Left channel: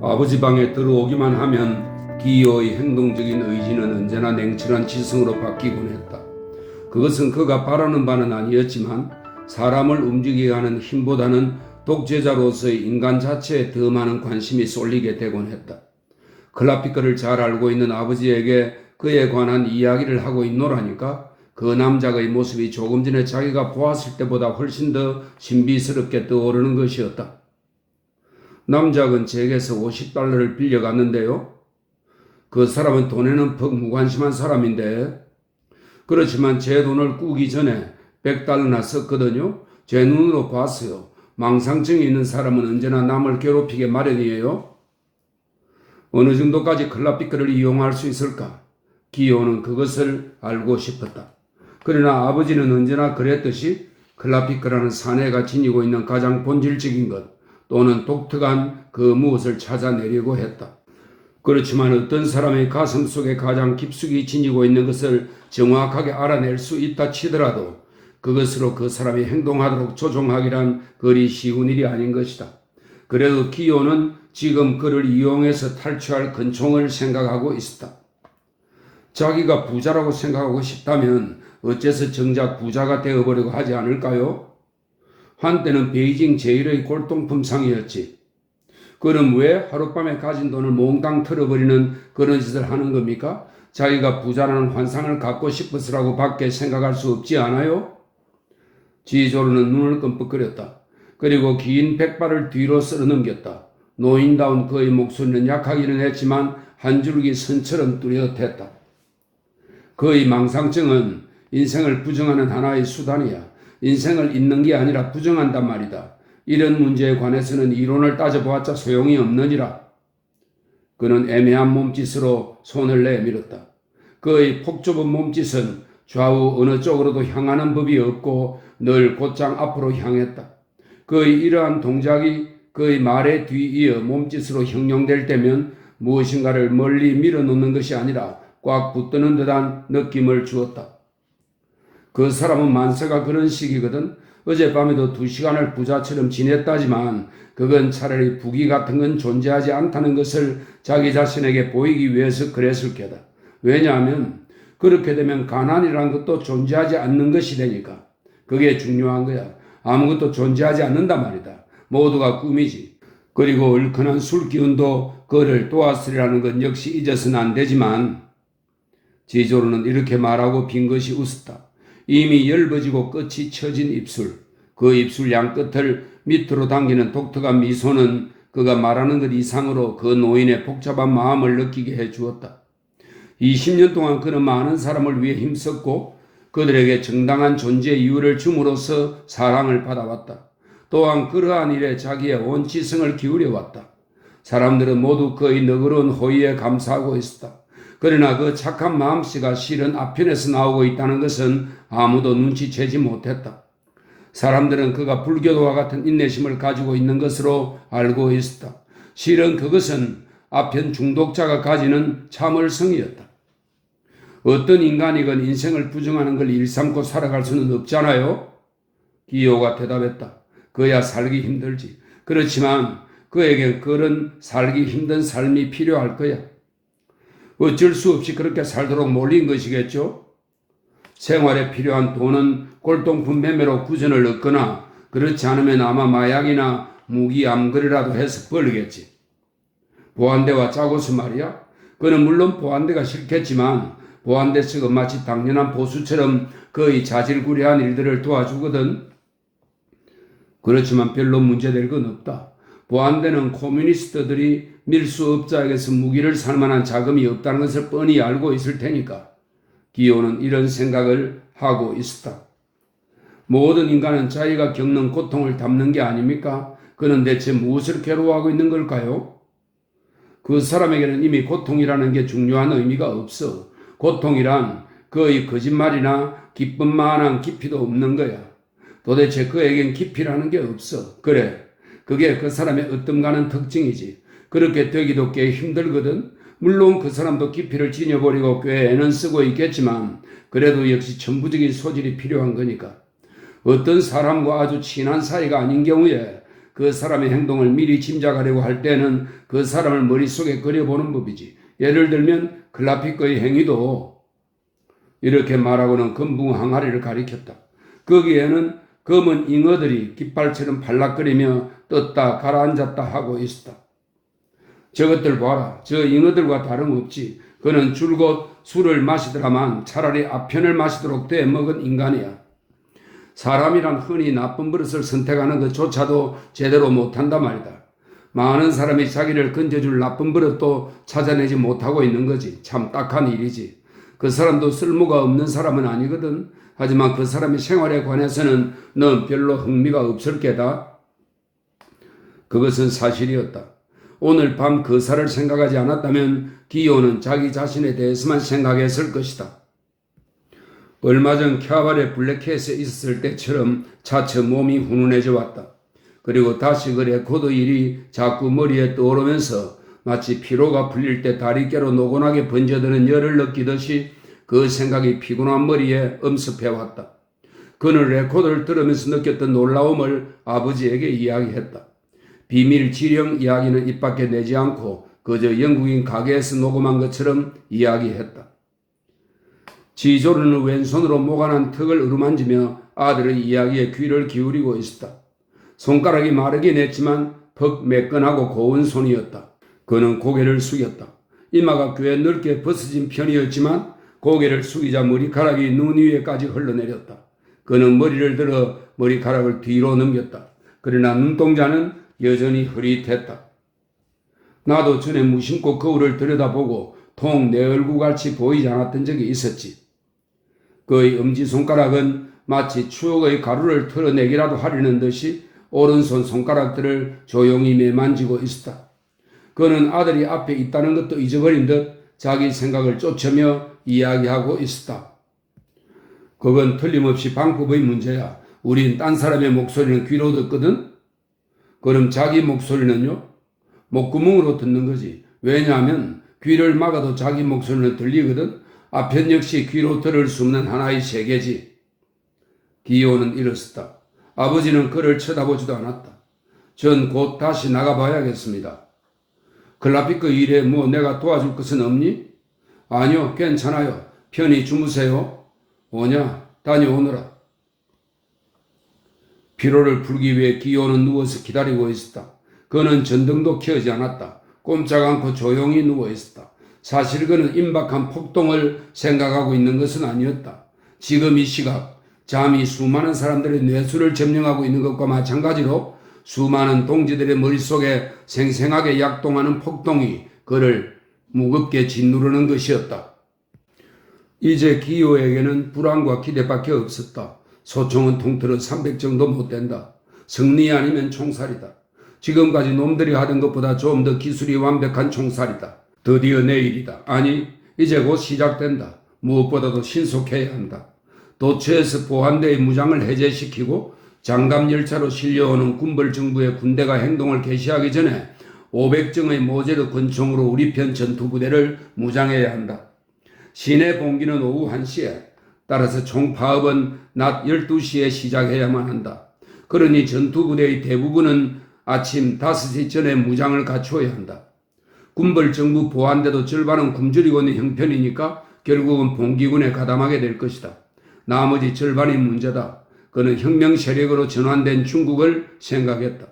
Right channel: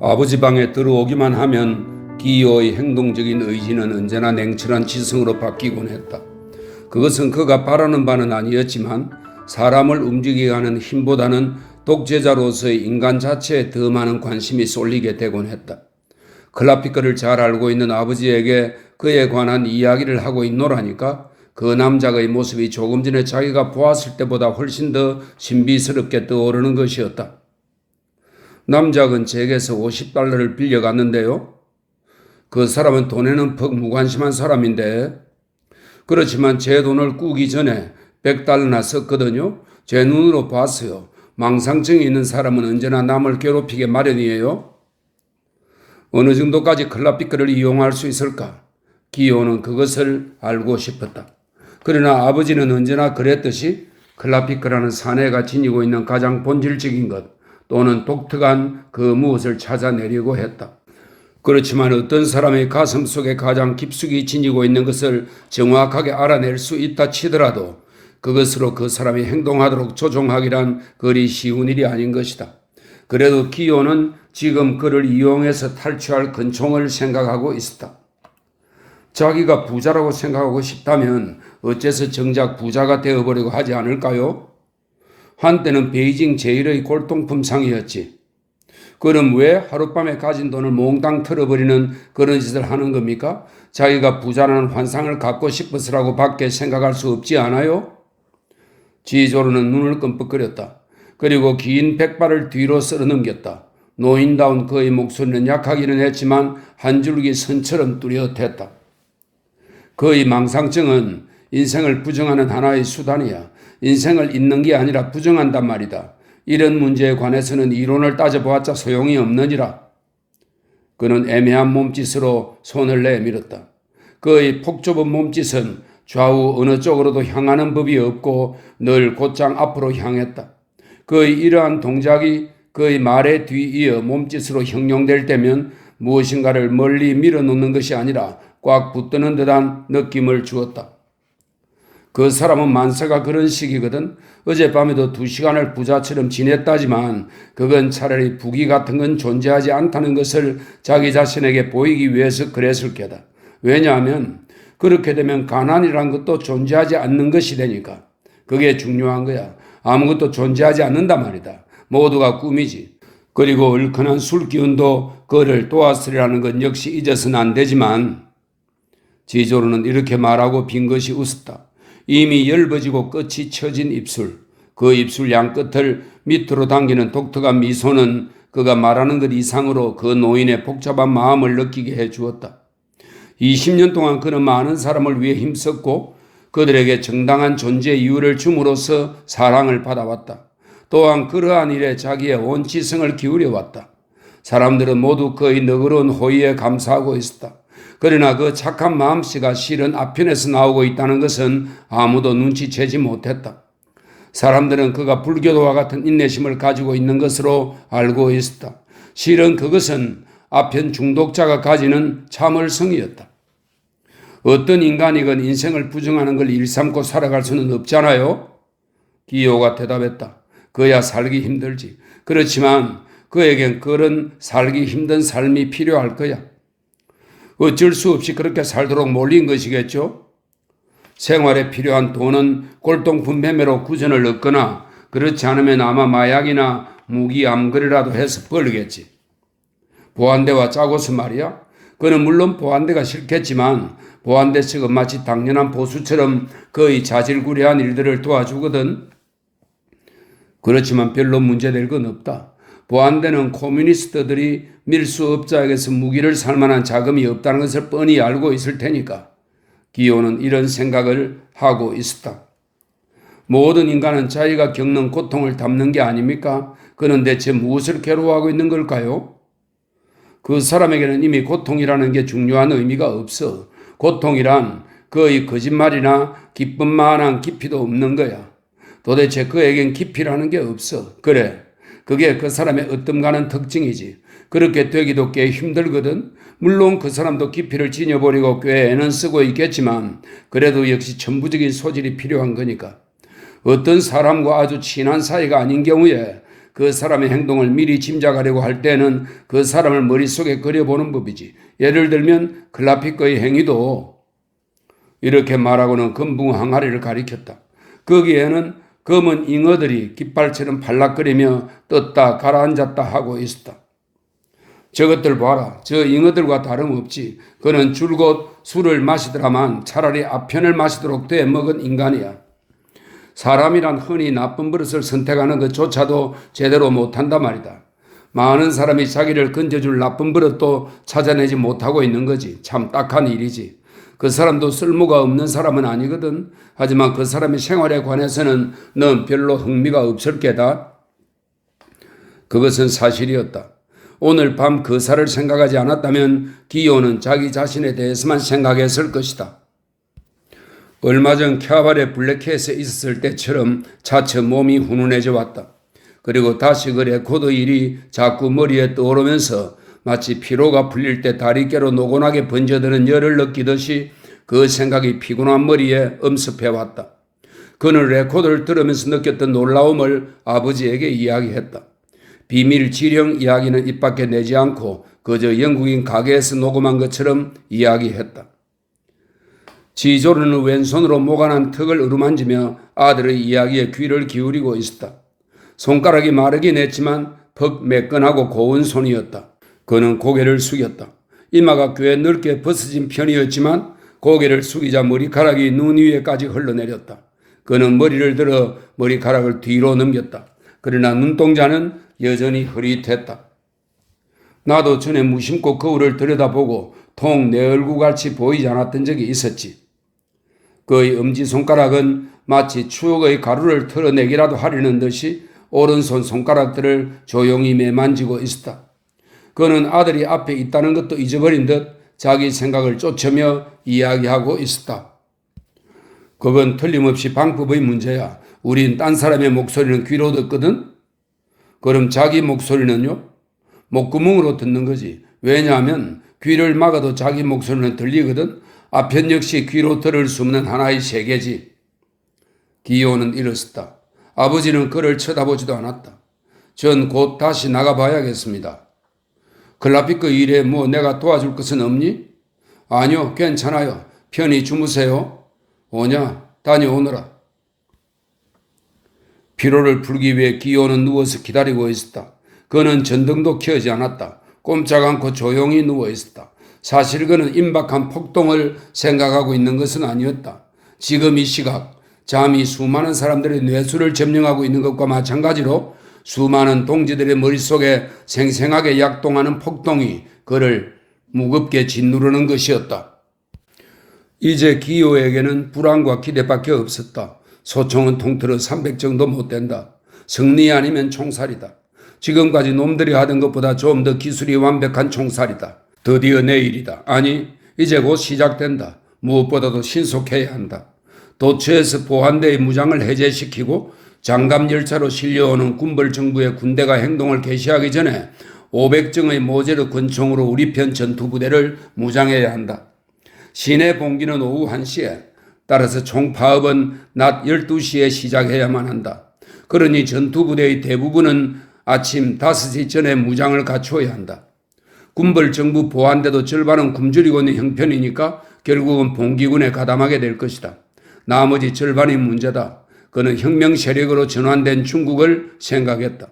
아버지 방에 들어오기만 하면 기어의 행동적인 의지는 언제나 냉철한 지성으로 바뀌곤 했다. 그것은 그가 바라는 바는 아니었지만 사람을 움직이게 하는 힘보다는 독재자로서의 인간 자체에 더 많은 관심이 쏠리게 되곤 했다. 클라피크를 잘 알고 있는 아버지에게 그에 관한 이야기를 하고 있노라니까 그 남자의 모습이 조금 전에 자기가 보았을 때보다 훨씬 더 신비스럽게 떠오르는 것이었다. 남작은 제게서 $50를 빌려갔는데요. 그 사람은 돈에는 퍽 무관심한 사람인데, 그렇지만 제 돈을 꾸기 전에 $100나 썼거든요. 제 눈으로 봤어요. 망상증이 있는 사람은 언제나 남을 괴롭히게 마련이에요. 어느 정도까지 클라피크를 이용할 수 있을까? 기호는 그것을 알고 싶었다. 그러나 아버지는 언제나 그랬듯이 클라피크라는 사내가 지니고 있는 가장 본질적인 것 또는 독특한 그 무엇을 찾아내려고 했다. 그렇지만 어떤 사람의 가슴 속에 가장 깊숙이 지니고 있는 것을 정확하게 알아낼 수 있다 치더라도 그것으로 그 사람이 행동하도록 조종하기란 그리 쉬운 일이 아닌 것이다. 그래도 기호는 지금 그를 이용해서 탈취할 근총을 생각하고 있었다. 자기가 부자라고 생각하고 싶다면 어째서 정작 부자가 되어버리고 하지 않을까요? 한때는 베이징 제1의 골동품 상이었지. 그럼 왜 하룻밤에 가진 돈을 몽땅 털어버리는 그런 짓을 하는 겁니까? 자기가 부자라는 환상을 갖고 싶어서라고 밖에 생각할 수 없지 않아요? 지조로는 눈을 끔뻑거렸다. 그리고 긴 백발을 뒤로 쓸어넘겼다. 노인다운 그의 목소리는 약하기는 했지만 한 줄기 선처럼 뚜렷했다. 그의 망상증은 인생을 부정하는 하나의 수단이야. 인생을 잊는 게 아니라 부정한단 말이다. 이런 문제에 관해서는 이론을 따져보았자 소용이 없느니라. 그는 애매한 몸짓으로 손을 내밀었다. 그의 폭좁은 몸짓은 좌우 어느 쪽으로도 향하는 법이 없고 늘 곧장 앞으로 향했다. 그의 이러한 동작이 그의 말에 뒤이어 몸짓으로 형용될 때면 무엇인가를 멀리 밀어놓는 것이 아니라 꽉 붙드는 듯한 느낌을 주었다. 그 사람은 만세가 그런 식이거든. 어젯밤에도 2시간을 부자처럼 지냈다지만 그건 차라리 부귀 같은 건 존재하지 않다는 것을 자기 자신에게 보이기 위해서 그랬을 게다. 왜냐하면 그렇게 되면 가난이란 것도 존재하지 않는 것이 되니까. 그게 중요한 거야. 아무것도 존재하지 않는단 말이다. 모두가 꿈이지. 그리고 얼큰한 술 기운도 그를 도왔으리라는 건 역시 잊어서는 안 되지만 지조로는 이렇게 말하고 빈 것이 웃었다. 이미 엷어지고 끝이 처진 입술, 그 입술 양끝을 밑으로 당기는 독특한 미소는 그가 말하는 것 이상으로 그 노인의 복잡한 마음을 느끼게 해주었다. 20년 동안 그는 많은 사람을 위해 힘썼고 그들에게 정당한 존재 이유를 줌으로써 사랑을 받아왔다. 또한 그러한 일에 자기의 온 지성을 기울여왔다. 사람들은 모두 그의 너그러운 호의에 감사하고 있었다. 그러나 그 착한 마음씨가 실은 앞편에서 나오고 있다는 것은 아무도 눈치채지 못했다. 사람들은 그가 불교도와 같은 인내심을 가지고 있는 것으로 알고 있었다. 실은 그것은 아편 중독자가 가지는 참을성이었다. 어떤 인간이건 인생을 부정하는 걸 일삼고 살아갈 수는 없잖아요. 기호가 대답했다. 그야 살기 힘들지. 그렇지만 그에겐 그런 살기 힘든 삶이 필요할 거야. 어쩔 수 없이 그렇게 살도록 몰린 것이겠죠. 생활에 필요한 돈은 골동품 매매로 구전을 얻거나 그렇지 않으면 아마 마약이나 무기 암거래라도 해서 벌겠지. 보안대와 짜고서 말이야. 그는 물론 보안대가 싫겠지만 보안대 측은 마치 당연한 보수처럼 거의 자질구레한 일들을 도와주거든. 그렇지만 별로 문제될 건 없다. 보안대는 커뮤니스트들이 밀수업자에게서 무기를 살 만한 자금이 없다는 것을 뻔히 알고 있을 테니까 기호는 이런 생각을 하고 있었다. 모든 인간은 자기가 겪는 고통을 담는 게 아닙니까? 그는 대체 무엇을 괴로워하고 있는 걸까요? 그 사람에게는 이미 고통이라는 게 중요한 의미가 없어. 고통이란 거의 거짓말이나 기쁨만한 깊이도 없는 거야. 도대체 그에겐 깊이라는 게 없어. 그래, 그게 그 사람의 으뜸가는 특징이지. 그렇게 되기도 꽤 힘들거든. 물론 그 사람도 깊이를 지녀버리고 꽤 애는 쓰고 있겠지만 그래도 역시 천부적인 소질이 필요한 거니까. 어떤 사람과 아주 친한 사이가 아닌 경우에 그 사람의 행동을 미리 짐작하려고 할 때는 그 사람을 머릿속에 그려보는 법이지. 예를 들면 클라피커의 행위도 이렇게 말하고는 금붕 항아리를 가리켰다. 거기에는 검은 잉어들이 깃발처럼 발락거리며 떴다 가라앉았다 하고 있었다. 저것들 봐라. 저 잉어들과 다름없지. 그는 줄곧 술을 마시더라만 차라리 아편을 마시도록 돼 먹은 인간이야. 사람이란 흔히 나쁜 버릇을 선택하는 것조차도 제대로 못한단 말이다. 많은 사람이 자기를 건져줄 나쁜 버릇도 찾아내지 못하고 있는 거지. 참 딱한 일이지. 그 사람도 쓸모가 없는 사람은 아니거든. 하지만 그 사람의 생활에 관해서는 넌 별로 흥미가 없을 게다. 그것은 사실이었다. 오늘 밤 그사를 생각하지 않았다면 기요는 자기 자신에 대해서만 생각했을 것이다. 얼마 전 캬바레 블랙캣에 있었을 때처럼 차츰 몸이 훈훈해져 왔다. 그리고 다시 그 레코드 일이 자꾸 머리에 떠오르면서 마치 피로가 풀릴 때 다리께로 노곤하게 번져드는 열을 느끼듯이 그 생각이 피곤한 머리에 엄습해왔다. 그는 레코드를 들으면서 느꼈던 놀라움을 아버지에게 이야기했다. 비밀 지령 이야기는 입 밖에 내지 않고 그저 영국인 가게에서 녹음한 것처럼 이야기했다. 지조르는 왼손으로 모가난 턱을 어루만지며 아들의 이야기에 귀를 기울이고 있었다. 손가락이 마르긴 했지만 퍽 매끈하고 고운 손이었다. 그는 고개를 숙였다. 이마가 꽤 넓게 벗어진 편이었지만 고개를 숙이자 머리카락이 눈 위에까지 흘러내렸다. 그는 머리를 들어 머리카락을 뒤로 넘겼다. 그러나 눈동자는 여전히 흐릿했다. 나도 전에 무심코 거울을 들여다보고 통 내 얼굴같이 보이지 않았던 적이 있었지. 그의 엄지손가락은 마치 추억의 가루를 털어내기라도 하려는 듯이 오른손 손가락들을 조용히 매만지고 있었다. 그는 아들이 앞에 있다는 것도 잊어버린 듯 자기 생각을 쫓으며 이야기하고 있었다. 그건 틀림없이 방법의 문제야. 우린 딴 사람의 목소리는 귀로 듣거든? 그럼 자기 목소리는요? 목구멍으로 듣는 거지. 왜냐하면 귀를 막아도 자기 목소리는 들리거든? 아편 역시 귀로 들을 수 없는 하나의 세계지. 기요는 일었었다. 아버지는 그를 쳐다보지도 않았다. 전 곧 다시 나가봐야겠습니다. 클라피크 일에 뭐 내가 도와줄 것은 없니? 아니요, 괜찮아요. 편히 주무세요. 오냐, 다녀오너라. 피로를 풀기 위해 기요는 누워서 기다리고 있었다. 그는 전등도 켜지 않았다. 꼼짝 않고 조용히 누워 있었다. 사실 그는 임박한 폭동을 생각하고 있는 것은 아니었다. 지금 이 시각 잠이 수많은 사람들의 뇌수를 점령하고 있는 것과 마찬가지로 수많은 동지들의 머릿속에 생생하게 약동하는 폭동이 그를 무겁게 짓누르는 것이었다. 이제 기요에게는 불안과 기대밖에 없었다. 소총은 통틀어 300 정도 못 된다. 승리 아니면 총살이다. 지금까지 놈들이 하던 것보다 좀 더 기술이 완벽한 총살이다. 드디어 내일이다. 아니, 이제 곧 시작된다. 무엇보다도 신속해야 한다. 도처에서 보안대의 무장을 해제시키고 장갑열차로 실려오는 군벌 정부의 군대가 행동을 개시하기 전에 500정의 모제르 권총으로 우리 편 전투부대를 무장해야 한다. 시내 봉기는 오후 1시에, 따라서 총파업은 낮 12시에 시작해야만 한다. 그러니 전투부대의 대부분은 아침 5시 전에 무장을 갖추어야 한다. 군벌 정부 보안대도 절반은 굶주리고 있는 형편이니까 결국은 봉기군에 가담하게 될 것이다. 나머지 절반이 문제다. 그는 혁명 세력으로 전환된 중국을 생각했다.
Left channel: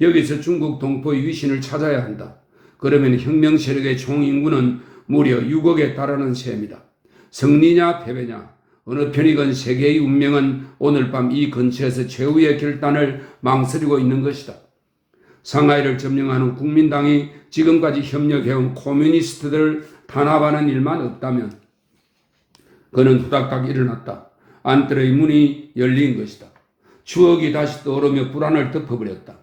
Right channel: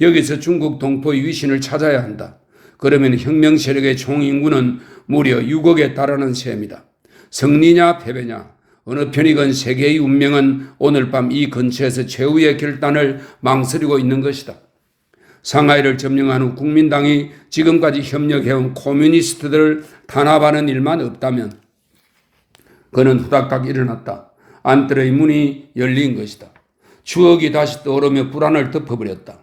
여기서 중국 동포의 위신을 찾아야 한다. 그러면 혁명 세력의 총인구는 무려 6억에 달하는 셈이다. 승리냐 패배냐 어느 편이건 세계의 운명은 오늘 밤 이 근처에서 최후의 결단을 망설이고 있는 것이다. 상하이를 점령한 후 국민당이 지금까지 협력해온 코뮤니스트들을 탄압하는 일만 없다면 그는 후닥닥 일어났다. 안뜰의 문이 열린 것이다. 추억이 다시 떠오르며 불안을 덮어버렸다.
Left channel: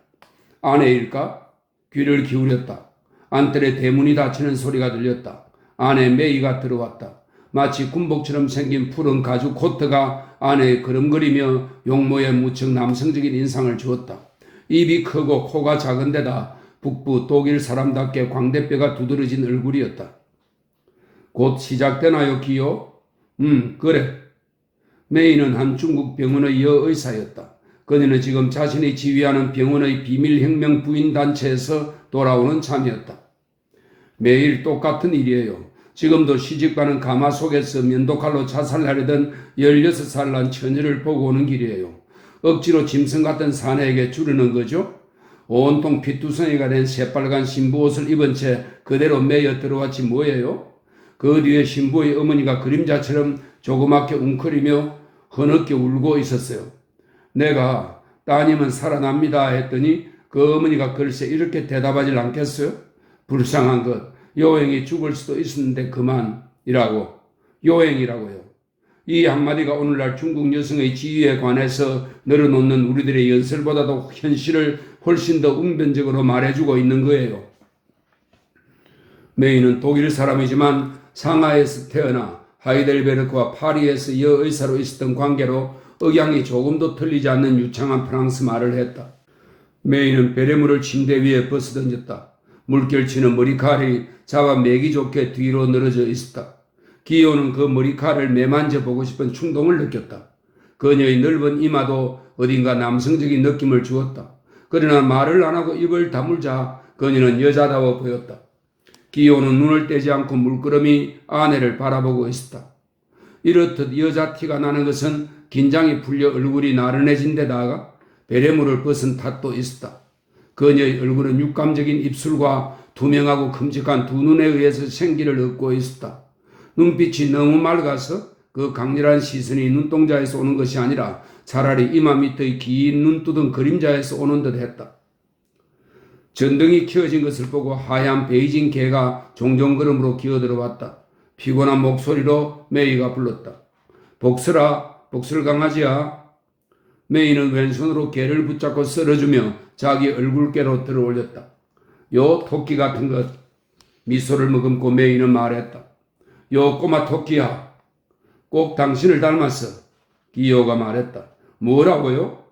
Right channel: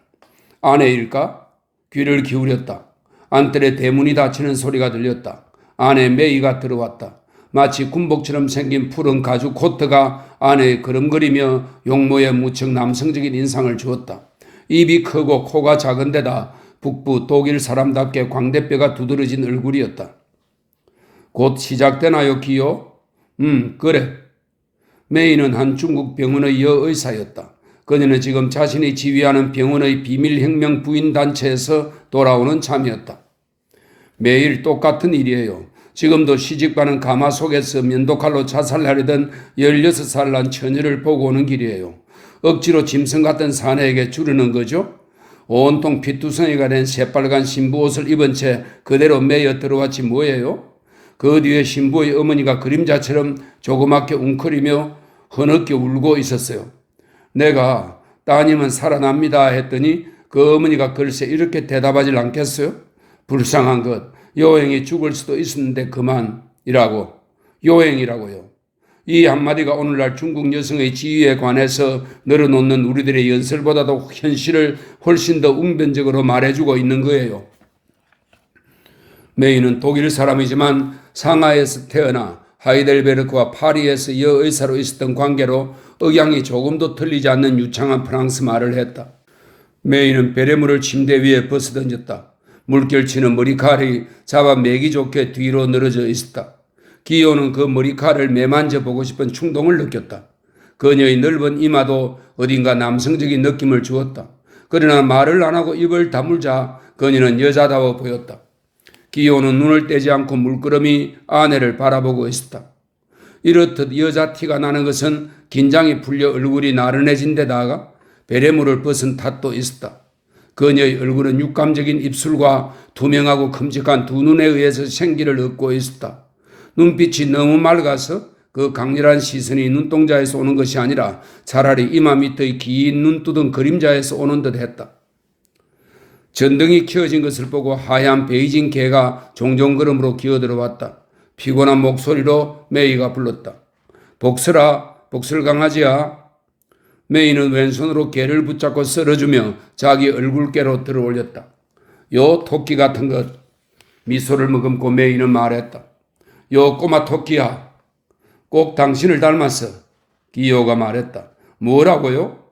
아내일까? 귀를 기울였다. 안뜰의 대문이 닫히는 소리가 들렸다. 안에 메이가 들어왔다. 마치 군복처럼 생긴 푸른 가죽 코트가 안에 걸음거리며 용모에 무척 남성적인 인상을 주었다. 입이 크고 코가 작은 데다 북부 독일 사람답게 광대뼈가 두드러진 얼굴이었다. 곧 시작되나요, 기요? 그래. 메이는 한 중국 병원의 여의사였다. 그녀는 지금 자신이 지휘하는 병원의 비밀혁명 부인단체에서 돌아오는 참이었다. 매일 똑같은 일이에요. 지금도 시집가는 가마 속에서 면도칼로 자살하려던 16살 난 처녀를 보고 오는 길이에요. 억지로 짐승 같은 사내에게 주르는 거죠. 온통 피투성이가 된 새빨간 신부옷을 입은 채 그대로 매여 들어왔지 뭐예요. 그 뒤에 신부의 어머니가 그림자처럼 조그맣게 웅크리며 흐느껴 울고 있었어요. 내가 따님은 살아납니다 했더니 그 어머니가 글쎄 이렇게 대답하질 않겠어요? 불쌍한 것, 요행이 죽을 수도 있었는데 그만이라고. 요행이라고요. 이 한마디가 오늘날 중국 여성의 지위에 관해서 늘어놓는 우리들의 연설보다도 현실을 훨씬 더 웅변적으로 말해주고 있는 거예요. 메이는 독일 사람이지만 상하이에서 태어나 하이델베르크와 파리에서 여의사로 있었던 관계로 억양이 조금도 틀리지 않는 유창한 프랑스 말을 했다. 메이는 베레모를 침대 위에 벗어던졌다. 물결치는 머리칼이 잡아 매기 좋게 뒤로 늘어져 있었다. 기호는 그 머리칼을 매만져 보고 싶은 충동을 느꼈다. 그녀의 넓은 이마도 어딘가 남성적인 느낌을 주었다. 그러나 말을 안 하고 입을 다물자 그녀는 여자다워 보였다. 기호는 눈을 떼지 않고 물끄러미 아내를 바라보고 있었다. 이렇듯 여자 티가 나는 것은 긴장이 풀려 얼굴이 나른해진 데다가 베레모를 벗은 탓도 있었다. 그녀의 얼굴은 육감적인 입술과 투명하고 큼직한 두 눈에 의해서 생기를 얻고 있었다. 눈빛이 너무 맑아서 그 강렬한 시선이 눈동자에서 오는 것이 아니라 차라리 이마 밑의 긴 눈두덩 그림자에서 오는 듯 했다. 전등이 켜진 것을 보고 하얀 베이징 개가 종종 걸음으로 기어들어왔다. 피곤한 목소리로 메이가 불렀다. 복슬아, 복슬강아지야. 메이는 왼손으로 개를 붙잡고 썰어주며 자기 얼굴께로 들어올렸다. 요 토끼 같은 것. 미소를 머금고 메이는 말했다. 요 꼬마 토끼야. 꼭 당신을 닮았어. 기호가 말했다. 뭐라고요?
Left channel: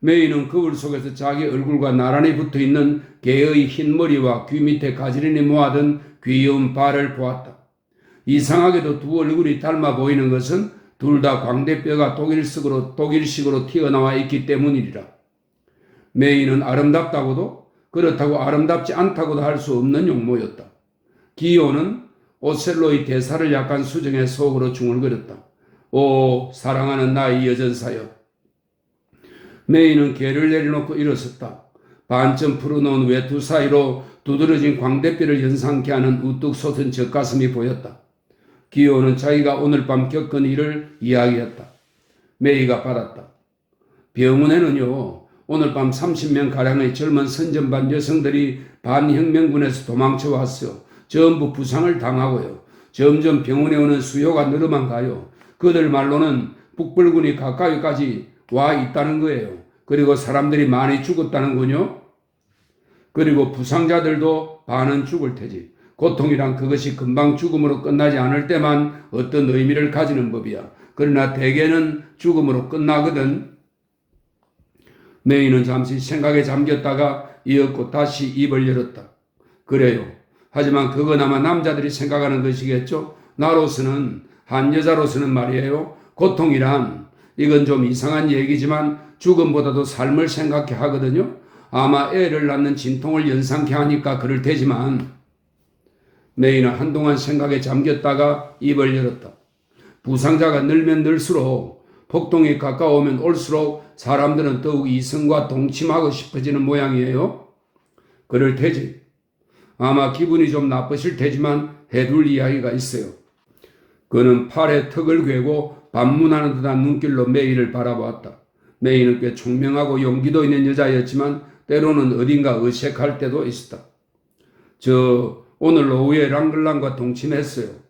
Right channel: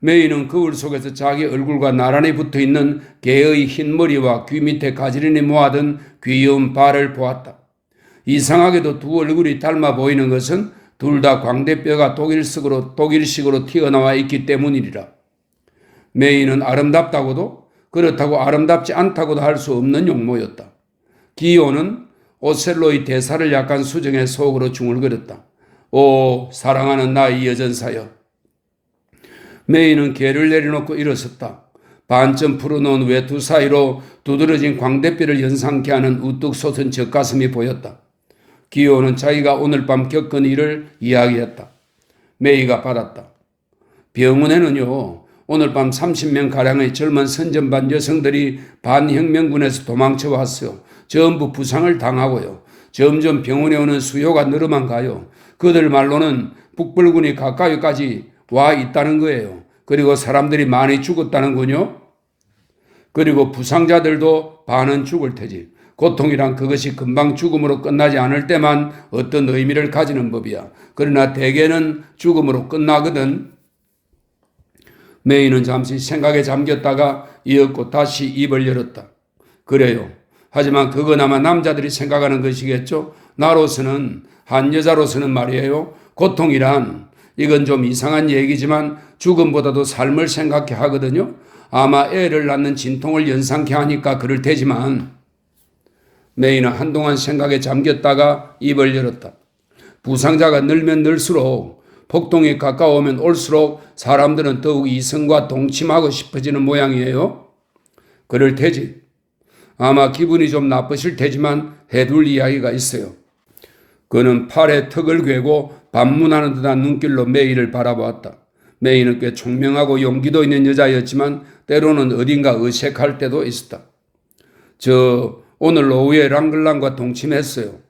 메이는 거울 속에서 자기 얼굴과 나란히 붙어있는 개의 흰 머리와 귀 밑에 가지런히 모아둔 귀여운 발을 보았다. 이상하게도 두 얼굴이 닮아 보이는 것은 둘 다 광대뼈가 독일식으로 튀어나와 있기 때문이리라. 메이는 아름답다고도 그렇다고 아름답지 않다고도 할 수 없는 용모였다. 기호는 오셀로의 대사를 약간 수정해 속으로 중얼거렸다. 오, 사랑하는 나의 여전사여. 메이는 개를 내려놓고 일어섰다. 반쯤 풀어놓은 외투 사이로 두드러진 광대뼈를 연상케 하는 우뚝 솟은 젖가슴이 보였다. 기호는 자기가 오늘 밤 겪은 일을 이야기했다. 메이가 받았다. 병원에는요, 오늘 밤 30명가량의 젊은 선전반 여성들이 반혁명군에서 도망쳐 왔어요. 전부 부상을 당하고요. 점점 병원에 오는 수요가 늘어만 가요. 그들 말로는 북벌군이 가까이까지 와 있다는 거예요. 그리고 사람들이 많이 죽었다는군요. 그리고 부상자들도 반은 죽을 테지. 고통이란 그것이 금방 죽음으로 끝나지 않을 때만 어떤 의미를 가지는 법이야. 그러나 대개는 죽음으로 끝나거든. 메이는 잠시 생각에 잠겼다가 이었고 다시 입을 열었다. 그래요. 하지만 그건 아마 남자들이 생각하는 것이겠죠. 나로서는, 한 여자로서는 말이에요. 고통이란 이건 좀 이상한 얘기지만 죽음보다도 삶을 생각해 하거든요. 아마 애를 낳는 진통을 연상케 하니까 그럴 테지만 메이는 한동안 생각에 잠겼다가 입을 열었다. 부상자가 늘면 늘수록 폭동이 가까우면 올수록 사람들은 더욱 이성과 동침하고 싶어지는 모양이에요. 그럴 테지. 아마 기분이 좀 나쁘실 테지만 해둘 이야기가 있어요. 그는 팔에 턱을 괴고 반문하는 듯한 눈길로 메이를 바라보았다. 메이는 꽤 총명하고 용기도 있는 여자였지만 때로는 어딘가 어색할 때도 있었다. 저 오늘 오후에 랑글랑과 동침했어요.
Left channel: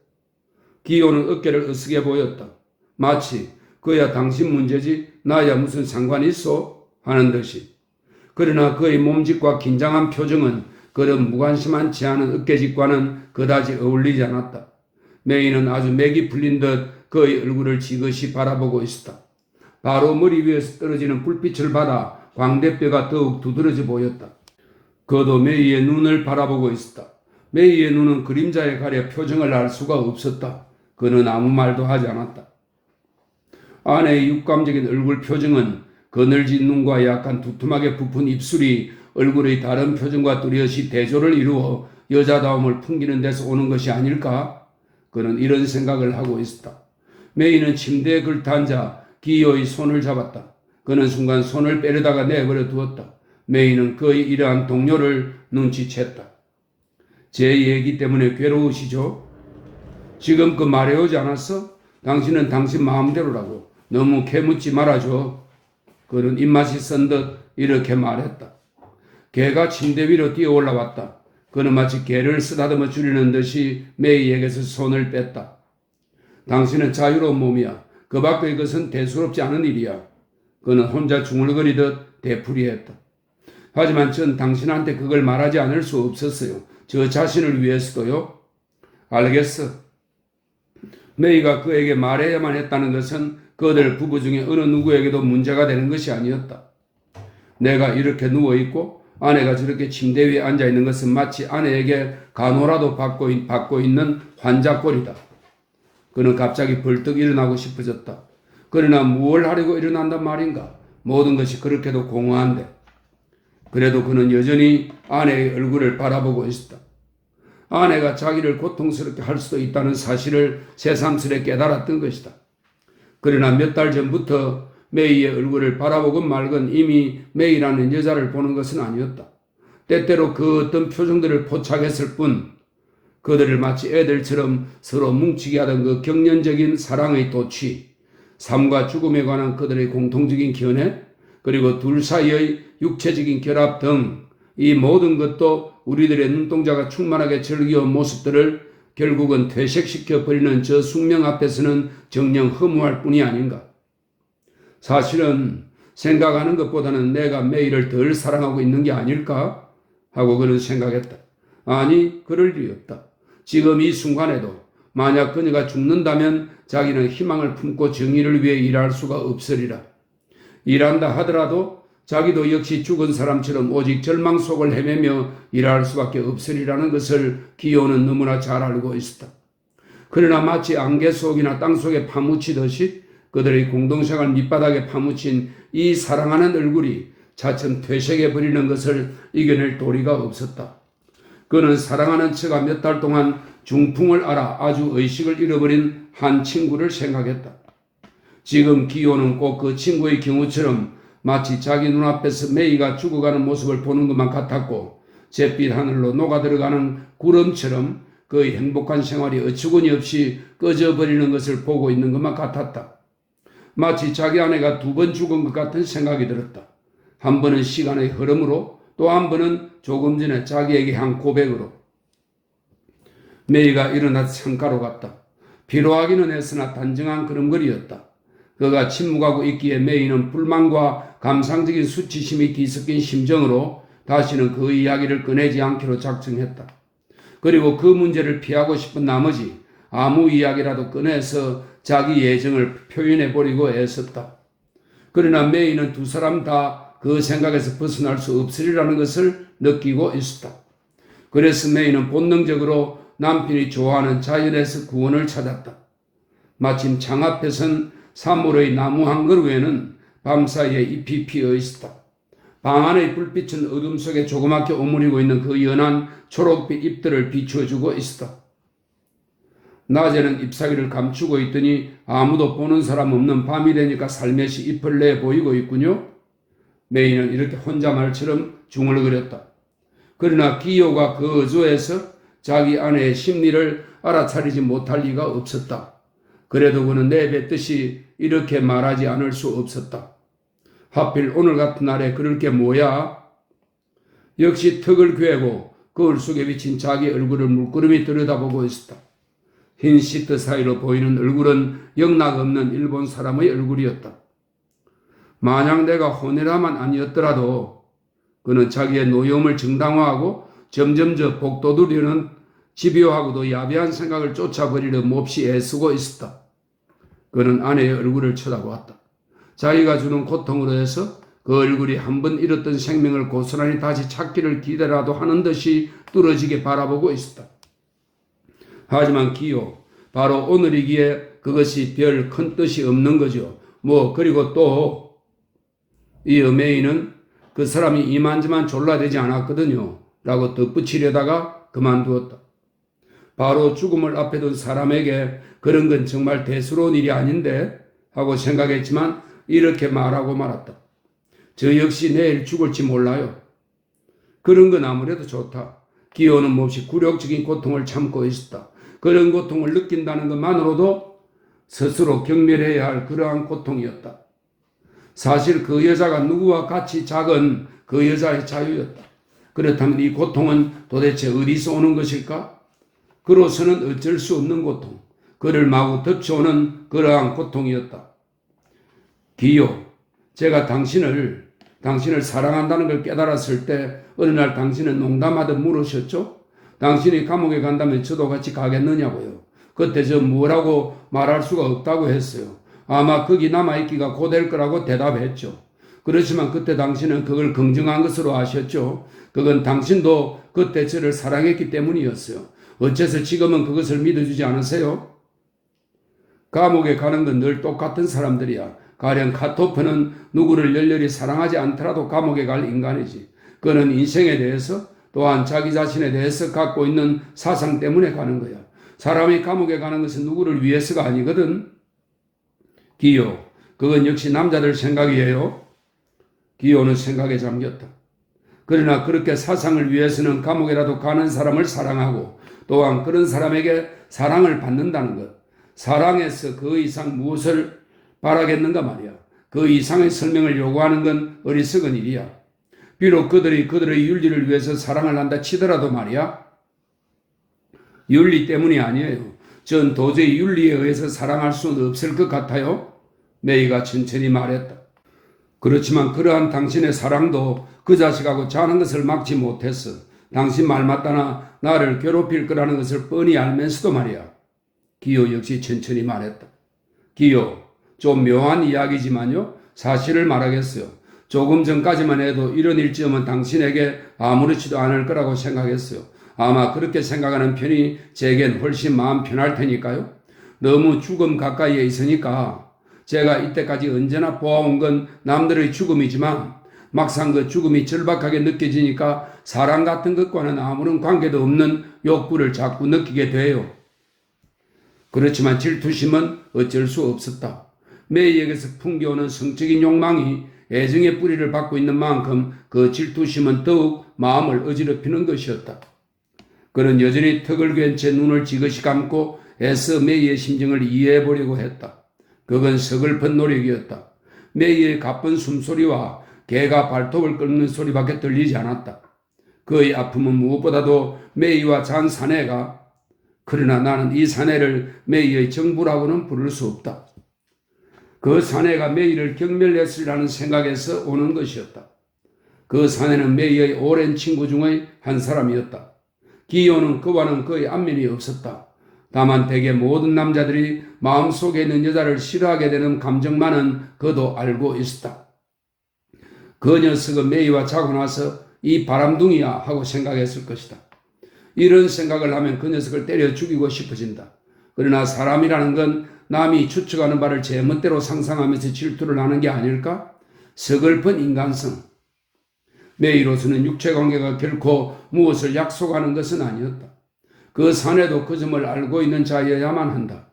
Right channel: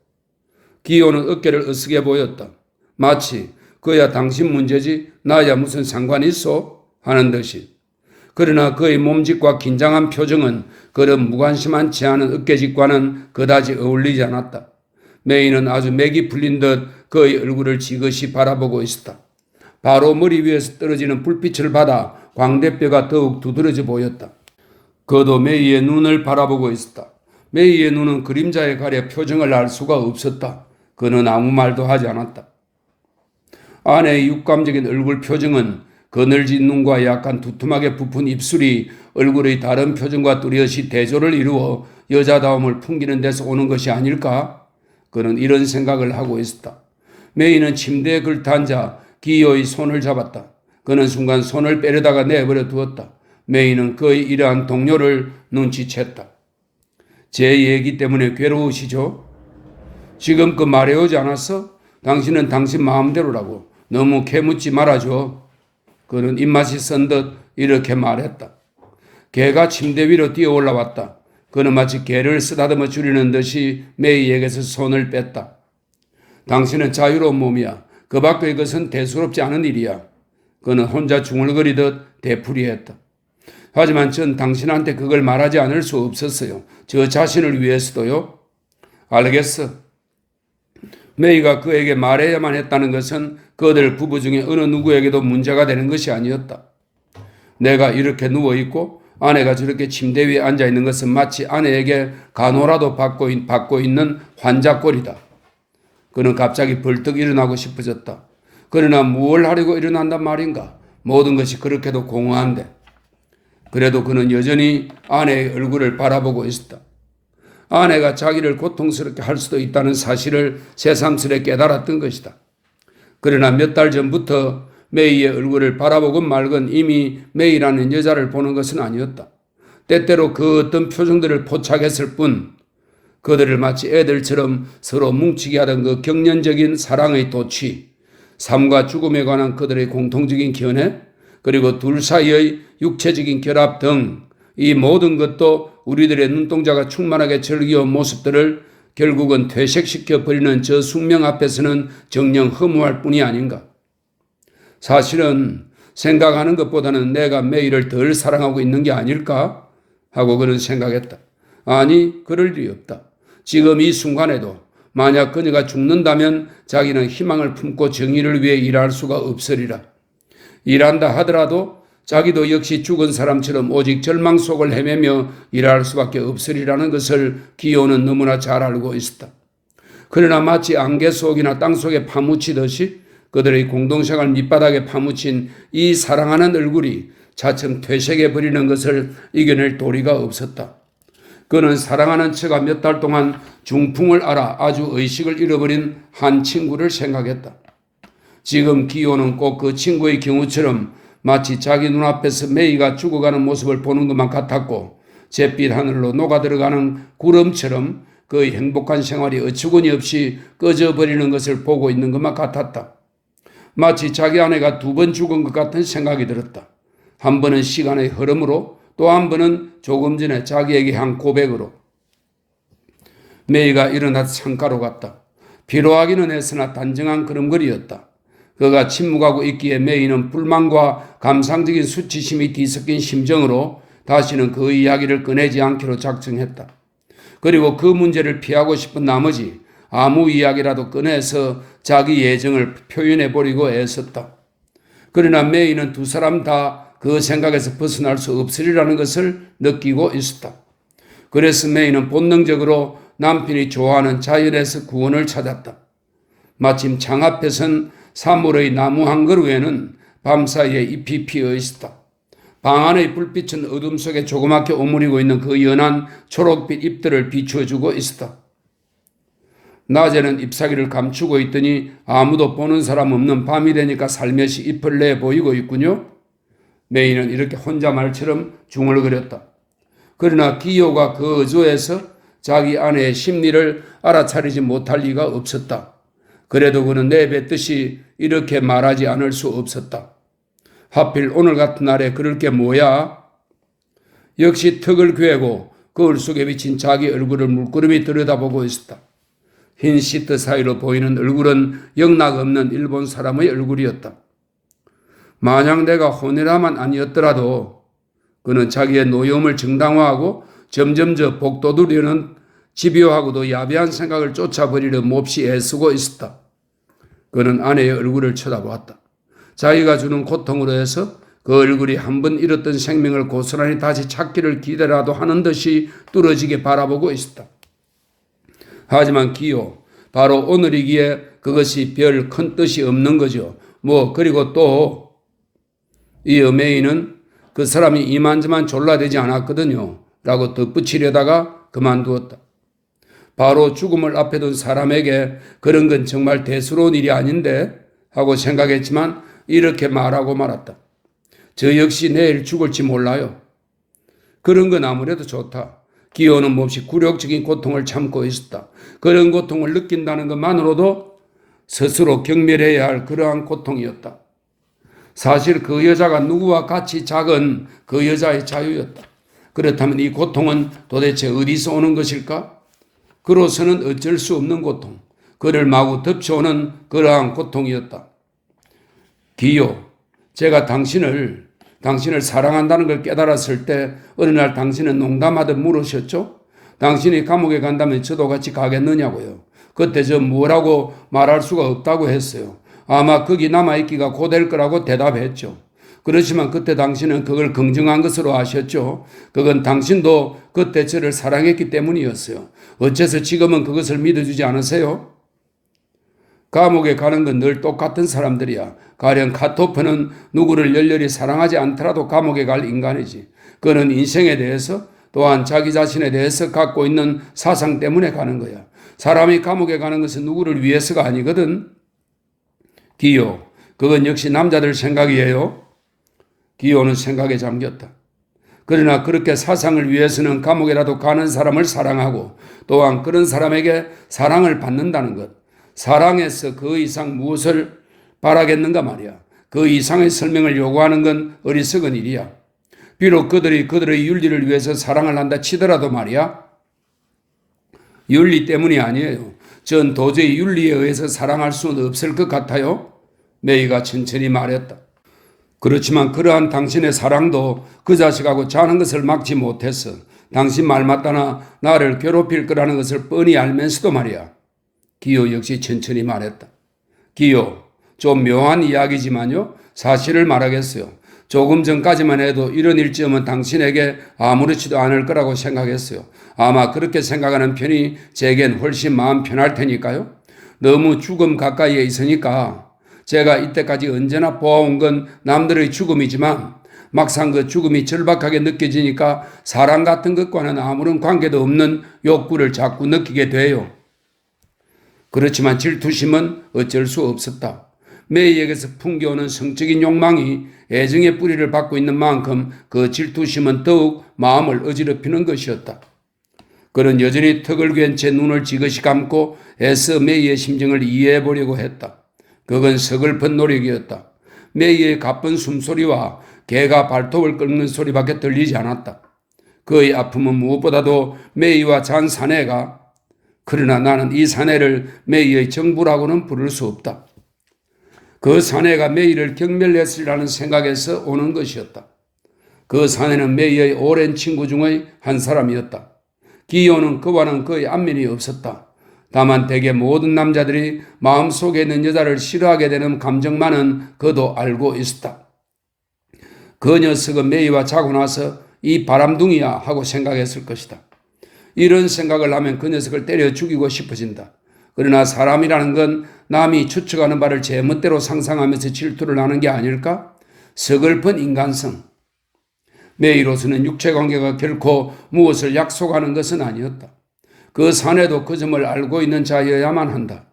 기호는 어깨를 으쓱해 보였다. 마치 그야 당신 문제지 나야 무슨 상관이 있어? 하는 듯이. 그러나 그의 몸짓과 긴장한 표정은 그런 무관심한 채하는 어깨짓과는 그다지 어울리지 않았다. 메이는 아주 맥이 풀린 듯 그의 얼굴을 지그시 바라보고 있었다. 바로 머리 위에서 떨어지는 불빛을 받아 광대뼈가 더욱 두드러져 보였다. 그도 메이의 눈을 바라보고 있었다. 메이의 눈은 그림자에 가려 표정을 알 수가 없었다. 그는 아무 말도 하지 않았다. 아내의 육감적인 얼굴 표정은 그늘진 눈과 약간 두툼하게 부푼 입술이 얼굴의 다른 표정과 뚜렷이 대조를 이루어 여자다움을 풍기는 데서 오는 것이 아닐까? 그는 이런 생각을 하고 있었다. 메이는 침대에 걸터앉아 기어의 손을 잡았다. 그는 순간 손을 빼려다가 내버려 두었다. 메이는 그의 이러한 동료를 눈치챘다. 제 얘기 때문에 괴로우시죠? 지금껏 말해오지 않았어? 당신은 당신 마음대로라고. 너무 캐묻지 말아줘. 그는 입맛이 쓴 듯 이렇게 말했다. 개가 침대 위로 뛰어 올라왔다. 그는 마치 개를 쓰다듬어 주려는 듯이 메이에게서 손을 뺐다. 당신은 자유로운 몸이야. 그 밖의 것은 대수롭지 않은 일이야. 그는 혼자 중얼거리듯 되풀이했다. 하지만 전 당신한테 그걸 말하지 않을 수 없었어요. 저 자신을 위해서도요. 알겠어. 메이가 그에게 말해야만 했다는 것은 그들 부부 중에 어느 누구에게도 문제가 되는 것이 아니었다. 내가 이렇게 누워있고 아내가 저렇게 침대 위에 앉아있는 것은 마치 아내에게 간호라도 받고 있는 환자꼴이다. 그는 갑자기 벌떡 일어나고 싶어졌다. 그러나 무엇을 하려고 일어난단 말인가? 모든 것이 그렇게도 공허한데. 그래도 그는 여전히 아내의 얼굴을 바라보고 있었다. 아내가 자기를 고통스럽게 할 수도 있다는 사실을 새삼스레 깨달았던 것이다. 그러나 몇 달 전부터 메이의 얼굴을 바라보건 말건 이미 메이라는 여자를 보는 것은 아니었다. 때때로 그 어떤 표정들을 포착했을 뿐 그들을 마치 애들처럼 서로 뭉치게 하던 그 경련적인 사랑의 도취, 삶과 죽음에 관한 그들의 공통적인 견해, 그리고 둘 사이의 육체적인 결합 등 이 모든 것도 우리들의 눈동자가 충만하게 즐겨온 모습들을 결국은 퇴색시켜 버리는 저 숙명 앞에서는 정녕 허무할 뿐이 아닌가. 사실은 생각하는 것보다는 내가 메이를 덜 사랑하고 있는 게 아닐까 하고 그는 생각했다. 아니, 그럴 일이 없다. 지금 이 순간에도 만약 그녀가 죽는다면 자기는 희망을 품고 정의를 위해 일할 수가 없으리라. 일한다 하더라도 자기도 역시 죽은 사람처럼 오직 절망 속을 헤매며 일할 수밖에 없으리라는 것을 기호는 너무나 잘 알고 있었다. 그러나 마치 안개 속이나 땅 속에 파묻히듯이 그들의 공동생활 밑바닥에 파묻힌 이 사랑하는 얼굴이 차츰 퇴색해버리는 것을 이겨낼 도리가 없었다. 그는 사랑하는 처가 몇 달 동안 중풍을 앓아 아주 의식을 잃어버린 한 친구를 생각했다. 지금 기호는 꼭 그 친구의 경우처럼 마치 자기 눈앞에서 메이가 죽어가는 모습을 보는 것만 같았고 잿빛 하늘로 녹아들어가는 구름처럼 그의 행복한 생활이 어처구니 없이 꺼져버리는 것을 보고 있는 것만 같았다. 마치 자기 아내가 2번 죽은 것 같은 생각이 들었다. 한 번은 시간의 흐름으로 또 한 번은 조금 전에 자기에게 한 고백으로. 메이가 일어나 창가로 갔다. 피로하기는 했으나 단정한 걸음걸이였다. 그가 침묵하고 있기에 메이는 불만과 감상적인 수치심이 뒤섞인 심정으로 다시는 그 이야기를 꺼내지 않기로 작정했다. 그리고 그 문제를 피하고 싶은 나머지 아무 이야기라도 꺼내서 자기 예정을 표현해버리고 애썼다. 그러나 메이는 두 사람 다 그 생각에서 벗어날 수 없으리라는 것을 느끼고 있었다. 그래서 메이는 본능적으로 남편이 좋아하는 자연에서 구원을 찾았다. 마침 창 앞에선 사물의 나무 한 그루에는 밤사이에 잎이 피어 있었다. 방 안의 불빛은 어둠 속에 조그맣게 오므리고 있는 그 연한 초록빛 잎들을 비추어주고 있었다. 낮에는 잎사귀를 감추고 있더니 아무도 보는 사람 없는 밤이 되니까 살며시 잎을 내 보이고 있군요. 메이는 이렇게 혼자 말처럼 중얼거렸다. 그러나 기호가 그 어조에서 자기 아내의 심리를 알아차리지 못할 리가 없었다. 그래도 그는 내뱉듯이 이렇게 말하지 않을 수 없었다. 하필 오늘 같은 날에 그럴 게 뭐야? 역시 턱을 괴고 거울 속에 비친 자기 얼굴을 물끄러미 들여다보고 있었다. 흰 시트 사이로 보이는 얼굴은 영락없는 일본 사람의 얼굴이었다. 만약 내가 호네라만 아니었더라도 그는 자기의 노여움을 정당화하고 점점 복돋우려는 집요하고도 야비한 생각을 쫓아버리려 몹시 애쓰고 있었다. 그는 아내의 얼굴을 쳐다보았다. 자기가 주는 고통으로 해서 그 얼굴이 한 번 잃었던 생명을 고스란히 다시 찾기를 기대라도 하는 듯이 뚫어지게 바라보고 있었다. 하지만 기호, 바로 오늘이기에 그것이 별 큰 뜻이 없는 거죠. 그리고 또 이어 메이는 그 사람이 이만저만 졸라대지 않았거든요 라고 덧붙이려다가 그만두었다. 바로 죽음을 앞에 둔 사람에게 그런 건 정말 대수로운 일이 아닌데 하고 생각했지만 이렇게 말하고 말았다. 저 역시 내일 죽을지 몰라요. 그런 건 아무래도 좋다. 기호는 몹시 굴욕적인 고통을 참고 있었다. 그런 고통을 느낀다는 것만으로도 스스로 경멸해야 할 그러한 고통이었다. 사실 그 여자가 누구와 같이 작은 그 여자의 자유였다. 그렇다면 이 고통은 도대체 어디서 오는 것일까? 그로서는 어쩔 수 없는 고통, 그를 마구 덮쳐오는 그러한 고통이었다. 기요, 제가 당신을 사랑한다는 걸 깨달았을 때 어느 날 당신은 농담하듯 물으셨죠? 당신이 감옥에 간다면 저도 같이 가겠느냐고요. 그때 저 뭐라고 말할 수가 없다고 했어요. 아마 거기 남아있기가 고될 거라고 대답했죠. 그렇지만 그때 당신은 그걸 긍정한 것으로 아셨죠. 그건 당신도 그때 저를 사랑했기 때문이었어요. 어째서 지금은 그것을 믿어주지 않으세요? 감옥에 가는 건 늘 똑같은 사람들이야. 가령 카토프는 누구를 열렬히 사랑하지 않더라도 감옥에 갈 인간이지. 그는 인생에 대해서 또한 자기 자신에 대해서 갖고 있는 사상 때문에 가는 거야. 사람이 감옥에 가는 것은 누구를 위해서가 아니거든. 기요, 그건 역시 남자들 생각이에요. 기요는 생각에 잠겼다. 그러나 그렇게 사상을 위해서는 감옥이라도 가는 사람을 사랑하고 또한 그런 사람에게 사랑을 받는다는 것. 사랑에서 그 이상 무엇을 바라겠는가 말이야. 그 이상의 설명을 요구하는 건 어리석은 일이야. 비록 그들이 그들의 윤리를 위해서 사랑을 한다 치더라도 말이야. 윤리 때문이 아니에요. 전 도저히 윤리에 의해서 사랑할 수는 없을 것 같아요. 메이가 천천히 말했다. 그렇지만 그러한 당신의 사랑도 그 자식하고 자는 것을 막지 못했어. 당신 말 맞다나 나를 괴롭힐 거라는 것을 뻔히 알면서도 말이야. 기요 역시 천천히 말했다. 기요, 좀 묘한 이야기지만요. 사실을 말하겠어요. 조금 전까지만 해도 이런 일쯤은 당신에게 아무렇지도 않을 거라고 생각했어요. 아마 그렇게 생각하는 편이 제겐 훨씬 마음 편할 테니까요. 너무 죽음 가까이에 있으니까 제가 이때까지 언제나 보아온 건 남들의 죽음이지만 막상 그 죽음이 절박하게 느껴지니까 사랑 같은 것과는 아무런 관계도 없는 욕구를 자꾸 느끼게 돼요. 그렇지만 질투심은 어쩔 수 없었다. 메이에게서 풍겨오는 성적인 욕망이 애정의 뿌리를 받고 있는 만큼 그 질투심은 더욱 마음을 어지럽히는 것이었다. 그는 여전히 턱을 괜 채 눈을 지그시 감고 애써 메이의 심정을 이해해 보려고 했다. 그건 서글픈 노력이었다. 메이의 가쁜 숨소리와 개가 발톱을 긁는 소리밖에 들리지 않았다. 그의 아픔은 무엇보다도 메이와 잔 사내가 그러나 나는 이 사내를 메이의 정부라고는 부를 수 없다. 그 사내가 메이를 경멸했으리라는 생각에서 오는 것이었다. 그 사내는 메이의 오랜 친구 중의 한 사람이었다. 기요는 그와는 거의 안면이 없었다. 다만 대개 모든 남자들이 마음속에 있는 여자를 싫어하게 되는 감정만은 그도 알고 있었다. 그 녀석은 메이와 자고 나서 이 바람둥이야 하고 생각했을 것이다. 이런 생각을 하면 그 녀석을 때려 죽이고 싶어진다. 그러나 사람이라는 건 남이 추측하는 바를 제 멋대로 상상하면서 질투를 하는 게 아닐까? 서글픈 인간성. 메이로서는 육체관계가 결코 무엇을 약속하는 것은 아니었다. 그 사내도 그 점을 알고 있는 자여야만 한다.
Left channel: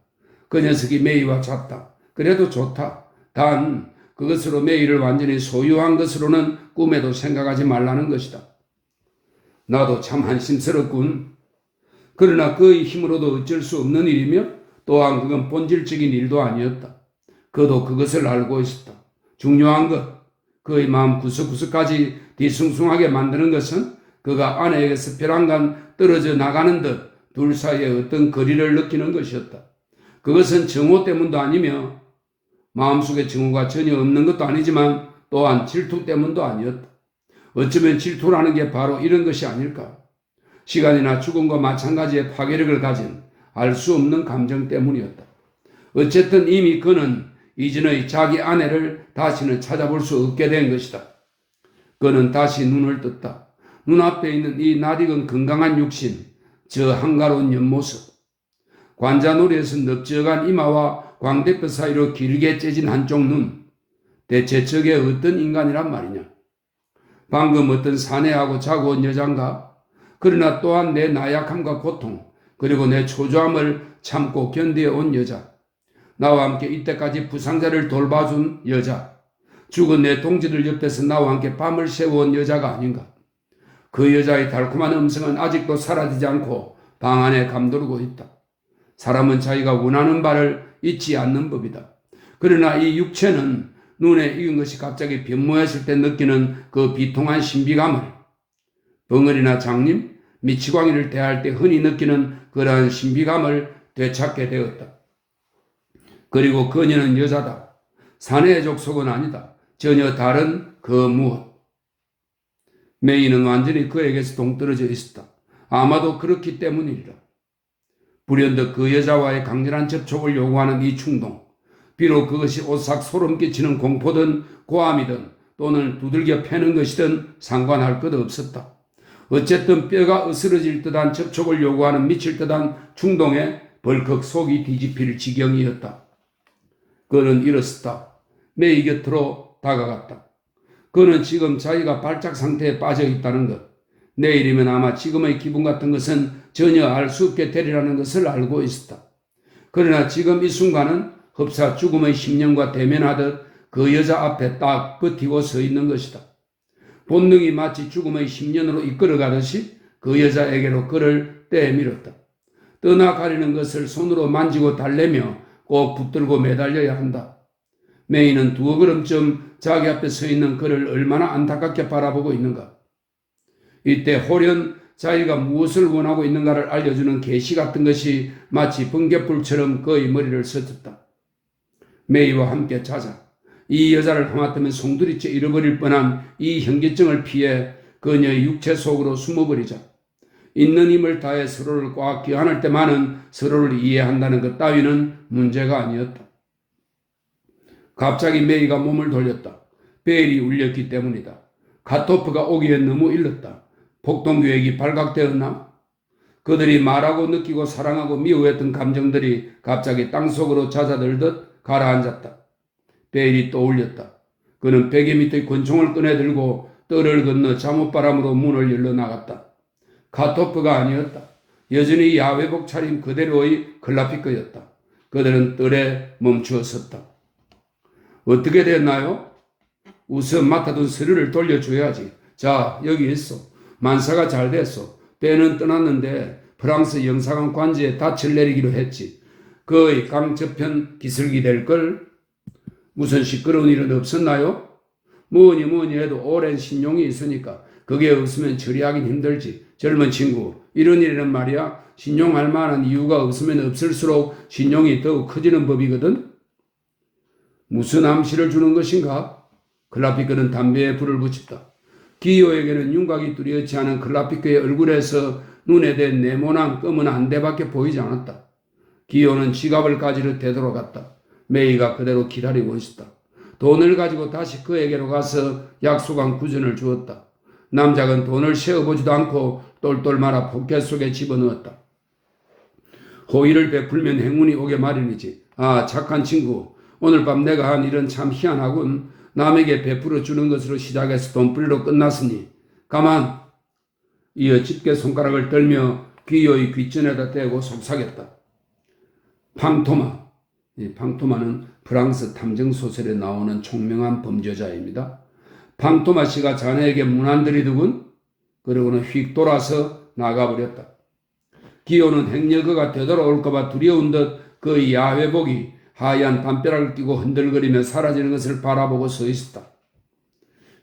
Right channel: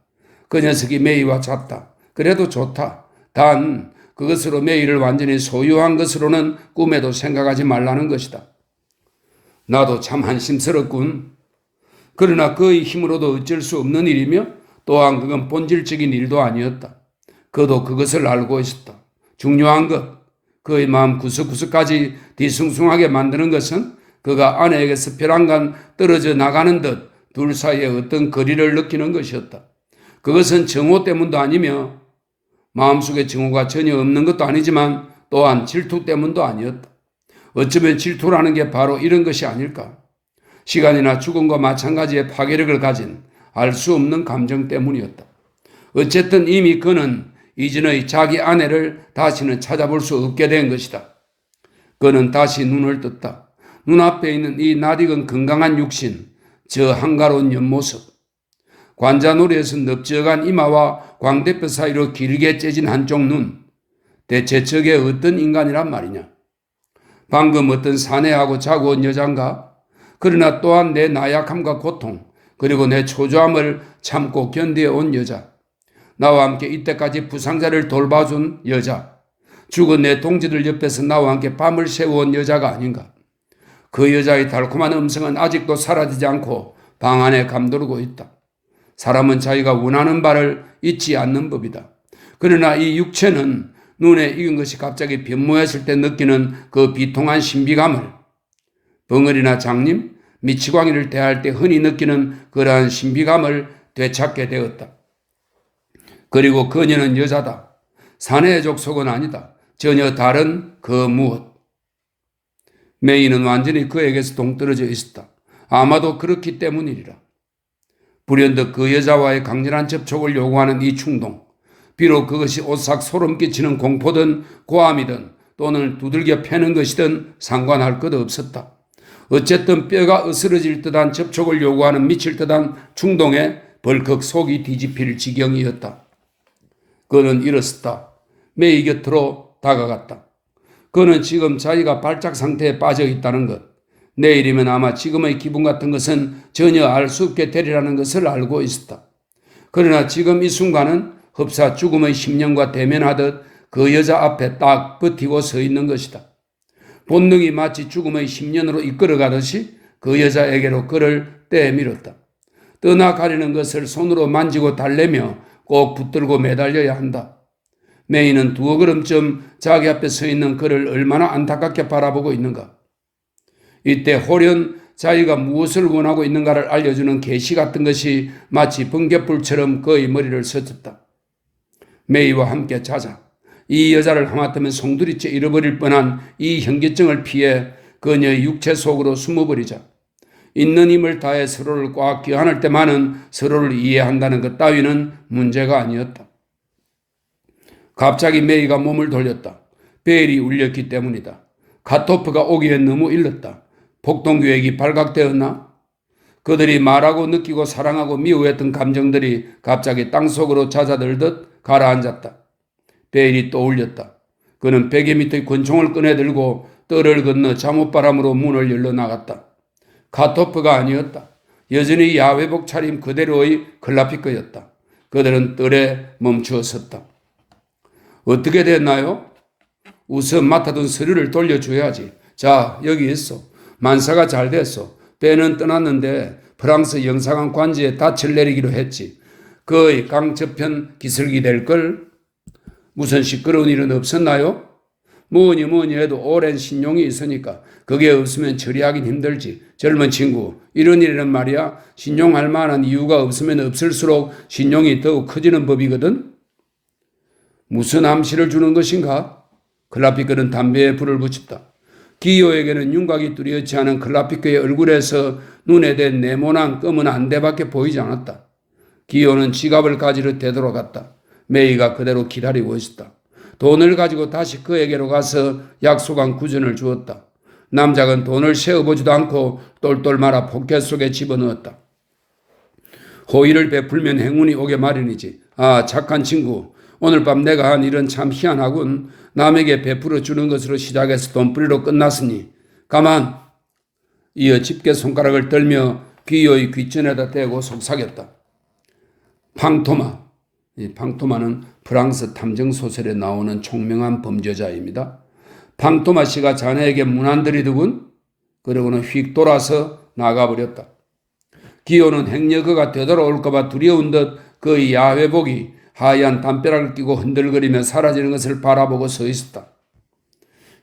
그 녀석이 메이와 잤다. 그래도 좋다. 단 그것으로 메이를 완전히 소유한 것으로는 꿈에도 생각하지 말라는 것이다. 나도 참 한심스럽군. 그러나 그의 힘으로도 어쩔 수 없는 일이며 또한 그건 본질적인 일도 아니었다. 그도 그것을 알고 있었다. 중요한 것, 그의 마음 구석구석까지 뒤숭숭하게 만드는 것은 그가 아내에게서 벼랑간 떨어져 나가는 듯 둘 사이에 어떤 거리를 느끼는 것이었다. 그것은 정오 때문도 아니며 마음속에 정오가 전혀 없는 것도 아니지만 또한 질투 때문도 아니었다. 어쩌면 질투라는 게 바로 이런 것이 아닐까. 시간이나 죽음과 마찬가지의 파괴력을 가진 알 수 없는 감정 때문이었다. 어쨌든 이미 그는 이전의 자기 아내를 다시는 찾아볼 수 없게 된 것이다. 그는 다시 눈을 떴다. 눈앞에 있는 이 낯익은 건강한 육신, 저 한가로운 옆모습. 관자놀이에서 넓적한 이마와 광대뼈 사이로 길게 째진 한쪽 눈. 대체 저게 어떤 인간이란 말이냐? 방금 어떤 사내하고 자고 온 여잔가? 그러나 또한 내 나약함과 고통, 그리고 내 초조함을 참고 견뎌온 여자. 나와 함께 이때까지 부상자를 돌봐준 여자. 죽은 내 동지들 옆에서 나와 함께 밤을 새워온 여자가 아닌가? 그 여자의 달콤한 음성은 아직도 사라지지 않고 방 안에 감돌고 있다. 사람은 자기가 원하는 바를 잊지 않는 법이다. 그러나 이 육체는 눈에 익은 것이 갑자기 변모했을 때 느끼는 그 비통한 신비감을 벙어리나 장님, 미치광이를 대할 때 흔히 느끼는 그러한 신비감을 되찾게 되었다. 그리고 그녀는 여자다. 사내의 족속은 아니다. 전혀 다른 그 무엇. 메이는 완전히 그에게서 동떨어져 있었다. 아마도 그렇기 때문이리라. 불현듯 그 여자와의 강렬한 접촉을 요구하는 이 충동. 비록 그것이 오싹 소름 끼치는 공포든 고함이든 또는 두들겨 패는 것이든 상관할 것 없었다. 어쨌든 뼈가 으스러질 듯한 접촉을 요구하는 미칠 듯한 충동에 벌컥 속이 뒤집힐 지경이었다. 그는 일어섰다. 메이 곁으로 다가갔다. 그는 지금 자기가 발작 상태에 빠져 있다는 것, 내일이면 아마 지금의 기분 같은 것은 전혀 알 수 없게 되리라는 것을 알고 있었다. 그러나 지금 이 순간은 흡사 죽음의 심령과 대면하듯 그 여자 앞에 딱 버티고 서 있는 것이다. 본능이 마치 죽음의 심년으로 이끌어가듯이 그 여자에게로 그를 떼밀었다. 떠나가려는 것을 손으로 만지고 달래며 꼭 붙들고 매달려야 한다. 메이는 두어 걸음쯤 자기 앞에 서 있는 그를 얼마나 안타깝게 바라보고 있는가. 이때 홀연 자기가 무엇을 원하고 있는가를 알려주는 계시 같은 것이 마치 번갯불처럼 그의 머리를 스쳤다. 메이와 함께 자자. 이 여자를 하마터면 송두리째 잃어버릴 뻔한 이 현기증을 피해 그녀의 육체 속으로 숨어버리자. 있는 힘을 다해 서로를 꽉 껴안을 때만은 서로를 이해한다는 것 따위는 문제가 아니었다. 갑자기 메이가 몸을 돌렸다. 벨이 울렸기 때문이다. 카토프가 오기엔 너무 일렀다. 폭동계획이 발각되었나? 그들이 말하고 느끼고 사랑하고 미워했던 감정들이 갑자기 땅속으로 잦아들듯 가라앉았다. 벨이 또 울렸다. 그는 베개 밑의 권총을 꺼내들고 뜰을 건너 잠옷바람으로 문을 열러 나갔다. 카토프가 아니었다. 여전히 야외복 차림 그대로의 클라피크였다. 그들은 뜰에 멈추어 섰다. 어떻게 됐나요? 우선 맡아둔 서류를 돌려줘야지. 자, 여기 있어. 만사가 잘 됐어. 배는 떠났는데 프랑스 영사관 관지에 닻을 내리기로 했지. 그의 강저편 기슭이 될걸? 무슨 시끄러운 일은 없었나요? 뭐니 해도 오랜 신용이 있으니까 그게 없으면 처리하긴 힘들지. 젊은 친구, 이런 일에는 말이야 신용할 만한 이유가 없으면 없을수록 신용이 더욱 커지는 법이거든. 무슨 암시를 주는 것인가? 클라피크는 담배에 불을 붙였다. 기요에게는 윤곽이 뚜렷지 않은 클라피크의 얼굴에서 눈에 댄 네모난 검은 안대밖에 보이지 않았다. 기요는 지갑을 가지러 되돌아갔다. 메이가 그대로 기다리고 있었다. 돈을 가지고 다시 그에게로 가서 약속한 구전을 주었다. 남작은 돈을 세어보지도 않고 똘똘 말아 포켓 속에 집어넣었다. 호의를 베풀면 행운이 오게 마련이지. 아, 착한 친구. 오늘 밤 내가 한 일은 참 희한하군. 남에게 베풀어 주는 것으로 시작해서 돈벌이로 끝났으니 가만. 이어 집게 손가락을 떨며 기요의 귓전에다 대고 속삭였다. 팡토마. 이 팡토마는 프랑스 탐정 소설에 나오는 총명한 범죄자입니다. 팡토마 씨가 자네에게 문안드리더군. 그러고는 휙 돌아서 나가버렸다. 기요는 행여그가 되돌아올까봐 두려운 듯 그의 야외복이 하얀 담벼락을 끼고 흔들거리며 사라지는 것을 바라보고 서 있었다.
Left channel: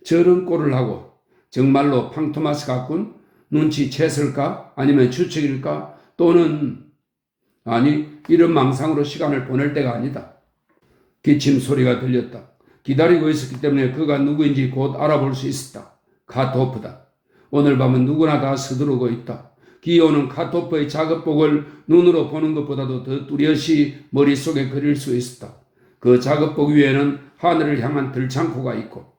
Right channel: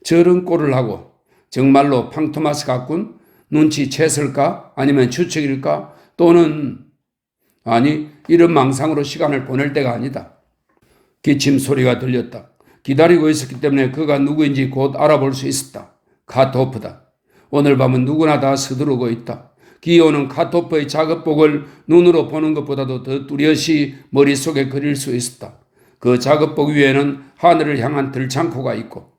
저런 꼴을 하고 정말로 팡토마스 같군? 눈치챘을까? 아니면 추측일까? 또는 아니 이런 망상으로 시간을 보낼 때가 아니다. 기침 소리가 들렸다. 기다리고 있었기 때문에 그가 누구인지 곧 알아볼 수 있었다. 카토프다. 오늘 밤은 누구나 다 서두르고 있다. 기요는 카토프의 작업복을 눈으로 보는 것보다도 더 뚜렷이 머릿속에 그릴 수 있었다. 그 작업복 위에는 하늘을 향한 들창포가 있고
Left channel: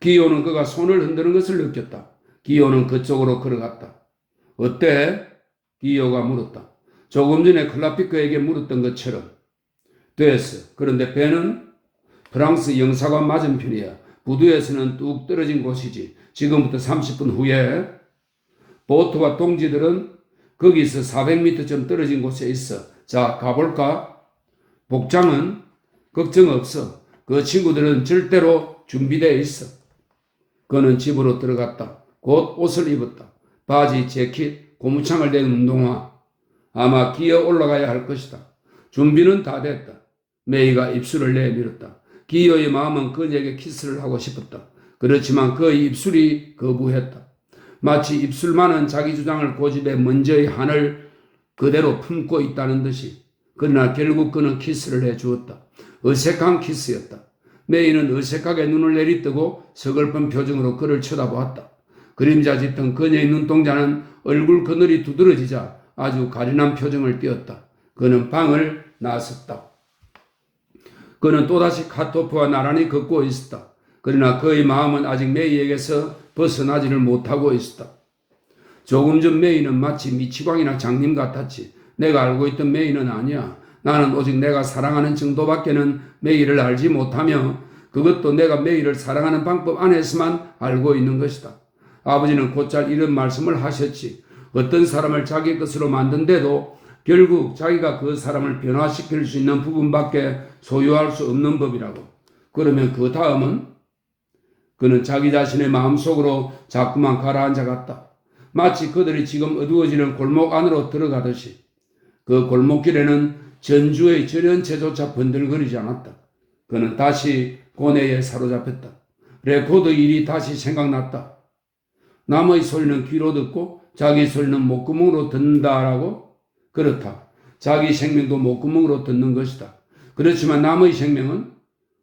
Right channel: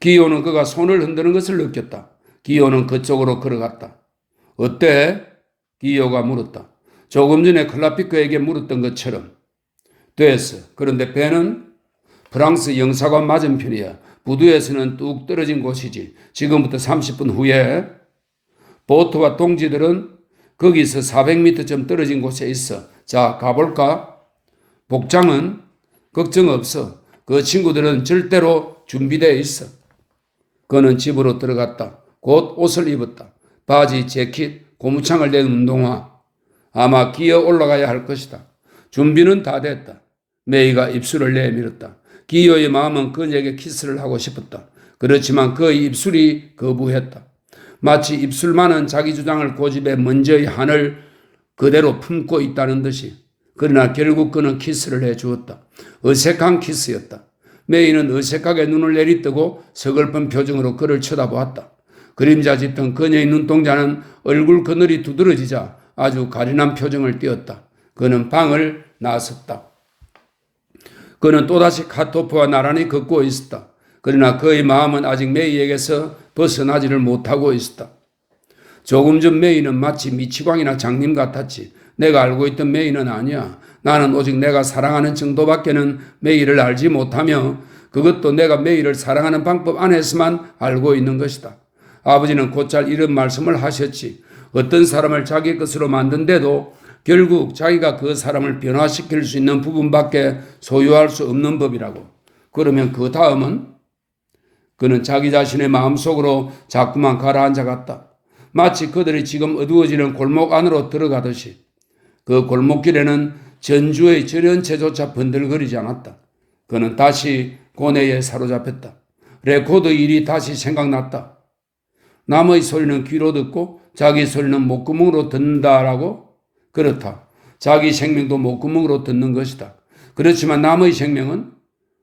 기요는 그가 손을 흔드는 것을 느꼈다. 기요는 그쪽으로 걸어갔다. 어때? 기요가 물었다. 조금 전에 클라피크에게 물었던 것처럼. 됐어. 그런데 배는? 프랑스 영사관 맞은편이야. 부두에서는 뚝 떨어진 곳이지. 지금부터 30분 후에 보트와 동지들은 거기서 400m쯤 떨어진 곳에 있어. 자, 가볼까? 복장은 걱정 없어. 그 친구들은 절대로 준비되어 있어. 그는 집으로 들어갔다. 곧 옷을 입었다. 바지, 재킷, 고무창을 댄 운동화. 아마 기어 올라가야 할 것이다. 준비는 다 됐다. 메이가 입술을 내밀었다. 기어의 마음은 그녀에게 키스를 하고 싶었다. 그렇지만 그의 입술이 거부했다. 마치 입술만은 자기 주장을 고집해 먼저의 한을 그대로 품고 있다는 듯이. 그러나 결국 그는 키스를 해주었다. 어색한 키스였다. 메이는 어색하게 눈을 내리뜨고 서글픈 표정으로 그를 쳐다보았다. 그림자 짙은 그녀의 눈동자는 얼굴 그늘이 두드러지자 아주 가련한 표정을 띄었다. 그는 방을 나섰다. 그는 또다시 카토프와 나란히 걷고 있었다. 그러나 그의 마음은 아직 메이에게서 벗어나지를 못하고 있었다. 조금 전 메이는 마치 미치광이나 장님 같았지. 내가 알고 있던 메이는 아니야. 나는 오직 내가 사랑하는 정도밖에는 메이를 알지 못하며 그것도 내가 메이를 사랑하는 방법 안에서만 알고 있는 것이다. 아버지는 곧잘 이런 말씀을 하셨지. 어떤 사람을 자기 것으로 만든데도 결국 자기가 그 사람을 변화시킬 수 있는 부분밖에 소유할 수 없는 법이라고. 그러면 그 다음은? 그는 자기 자신의 마음속으로 자꾸만 가라앉아 갔다. 마치 그들이 지금 어두워지는 골목 안으로 들어가듯이. 그 골목길에는 전주의 절연체조차 번들거리지 않았다. 그는 다시 고뇌에 사로잡혔다. 레코드 일이 다시 생각났다. 남의 소리는 귀로 듣고 자기 소리는 목구멍으로 듣는다라고? 그렇다. 자기 생명도 목구멍으로 듣는 것이다. 그렇지만 남의 생명은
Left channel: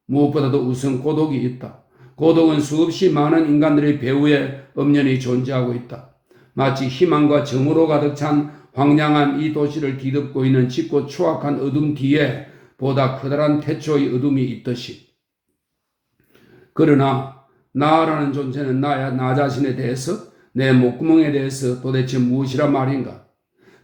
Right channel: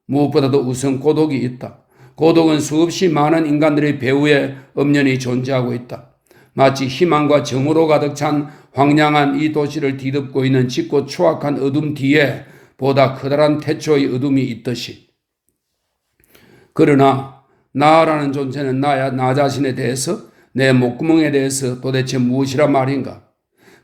무엇보다도 우선 고독이 있다. 고독은 수없이 많은 인간들의 배후에 엄연히 존재하고 있다. 마치 희망과 정으로 가득 찬 황량한 이 도시를 뒤덮고 있는 짙고 추악한 어둠 뒤에 보다 커다란 태초의 어둠이 있듯이. 그러나 나라는 존재는 나 자신에 대해서, 내 목구멍에 대해서 도대체 무엇이란 말인가?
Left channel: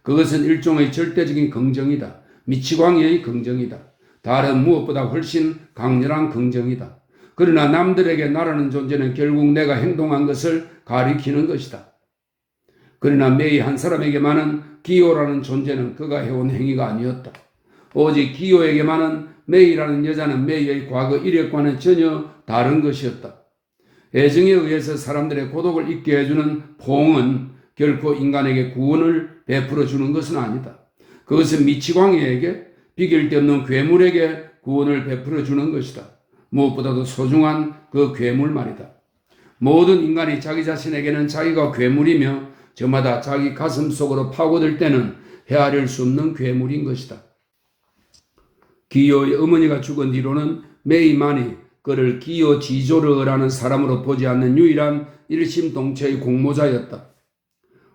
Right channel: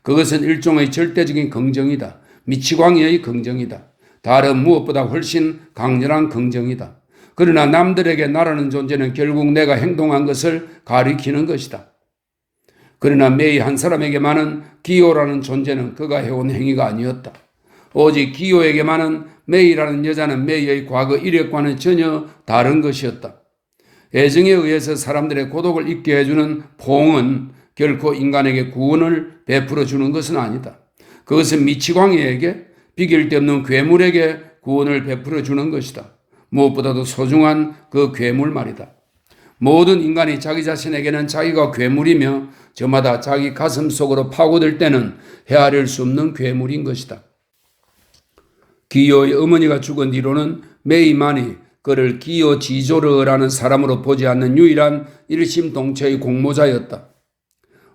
그것은 일종의 절대적인 긍정이다. 미치광이의 긍정이다. 다른 무엇보다 훨씬 강렬한 긍정이다. 그러나 남들에게 나라는 존재는 결국 내가 행동한 것을 가리키는 것이다. 그러나 메이 한 사람에게만은 기호라는 존재는 그가 해온 행위가 아니었다. 오직 기호에게만은 메이라는 여자는 메이의 과거 이력과는 전혀 다른 것이었다. 애정에 의해서 사람들의 고독을 잊게 해주는 포옹은 결코 인간에게 구원을 베풀어 주는 것은 아니다. 그것은 미치광이에게, 비길 데 없는 괴물에게 구원을 베풀어 주는 것이다. 무엇보다도 소중한 그 괴물 말이다. 모든 인간이 자기 자신에게는 자기가 괴물이며 저마다 자기 가슴 속으로 파고들 때는 헤아릴 수 없는 괴물인 것이다. 기요의 어머니가 죽은 뒤로는 메이만이 그를 기요 지조르라는 사람으로 보지 않는 유일한 일심동체의 공모자였다.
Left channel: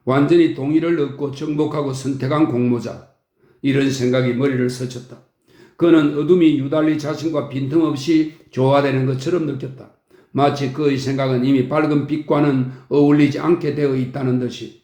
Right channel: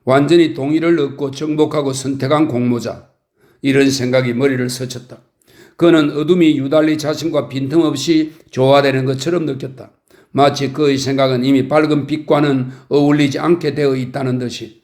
완전히 동의를 얻고 정복하고 선택한 공모자. 이런 생각이 머리를 스쳤다. 그는 어둠이 유달리 자신과 빈틈없이 조화되는 것처럼 느꼈다. 마치 그의 생각은 이미 밝은 빛과는 어울리지 않게 되어 있다는 듯이.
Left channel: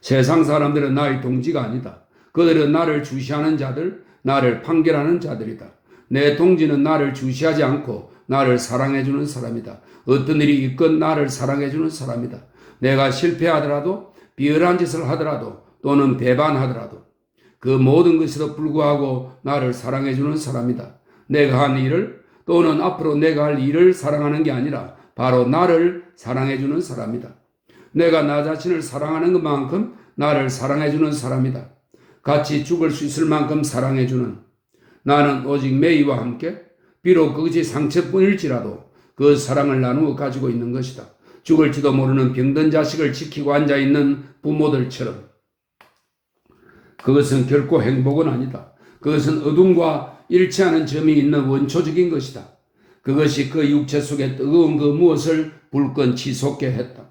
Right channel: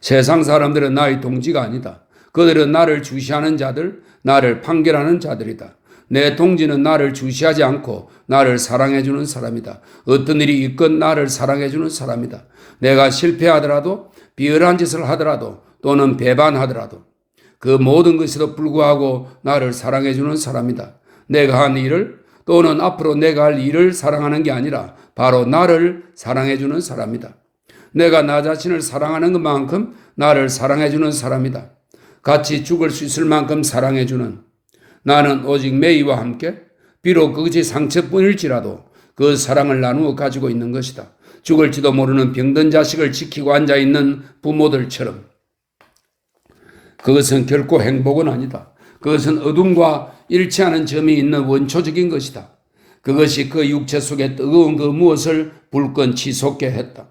세상 사람들은 나의 동지가 아니다. 그들은 나를 주시하는 자들, 나를 판결하는 자들이다. 내 동지는 나를 주시하지 않고 나를 사랑해주는 사람이다. 어떤 일이 있건 나를 사랑해주는 사람이다. 내가 실패하더라도, 비열한 짓을 하더라도, 또는 배반하더라도 그 모든 것에도 불구하고 나를 사랑해주는 사람이다. 내가 한 일을, 또는 앞으로 내가 할 일을 사랑하는 게 아니라 바로 나를 사랑해주는 사람이다. 내가 나 자신을 사랑하는 것만큼 나를 사랑해주는 사람이다. 같이 죽을 수 있을 만큼 사랑해주는. 나는 오직 메이와 함께 비록 그것이 상처뿐일지라도 그 사랑을 나누어 가지고 있는 것이다. 죽을지도 모르는 병든 자식을 지키고 앉아있는 부모들처럼. 그것은 결코 행복은 아니다. 그것은 어둠과 일치하는 점이 있는 원초적인 것이다. 그것이 그 육체 속에 뜨거운 그 무엇을 불끈 치솟게 했다.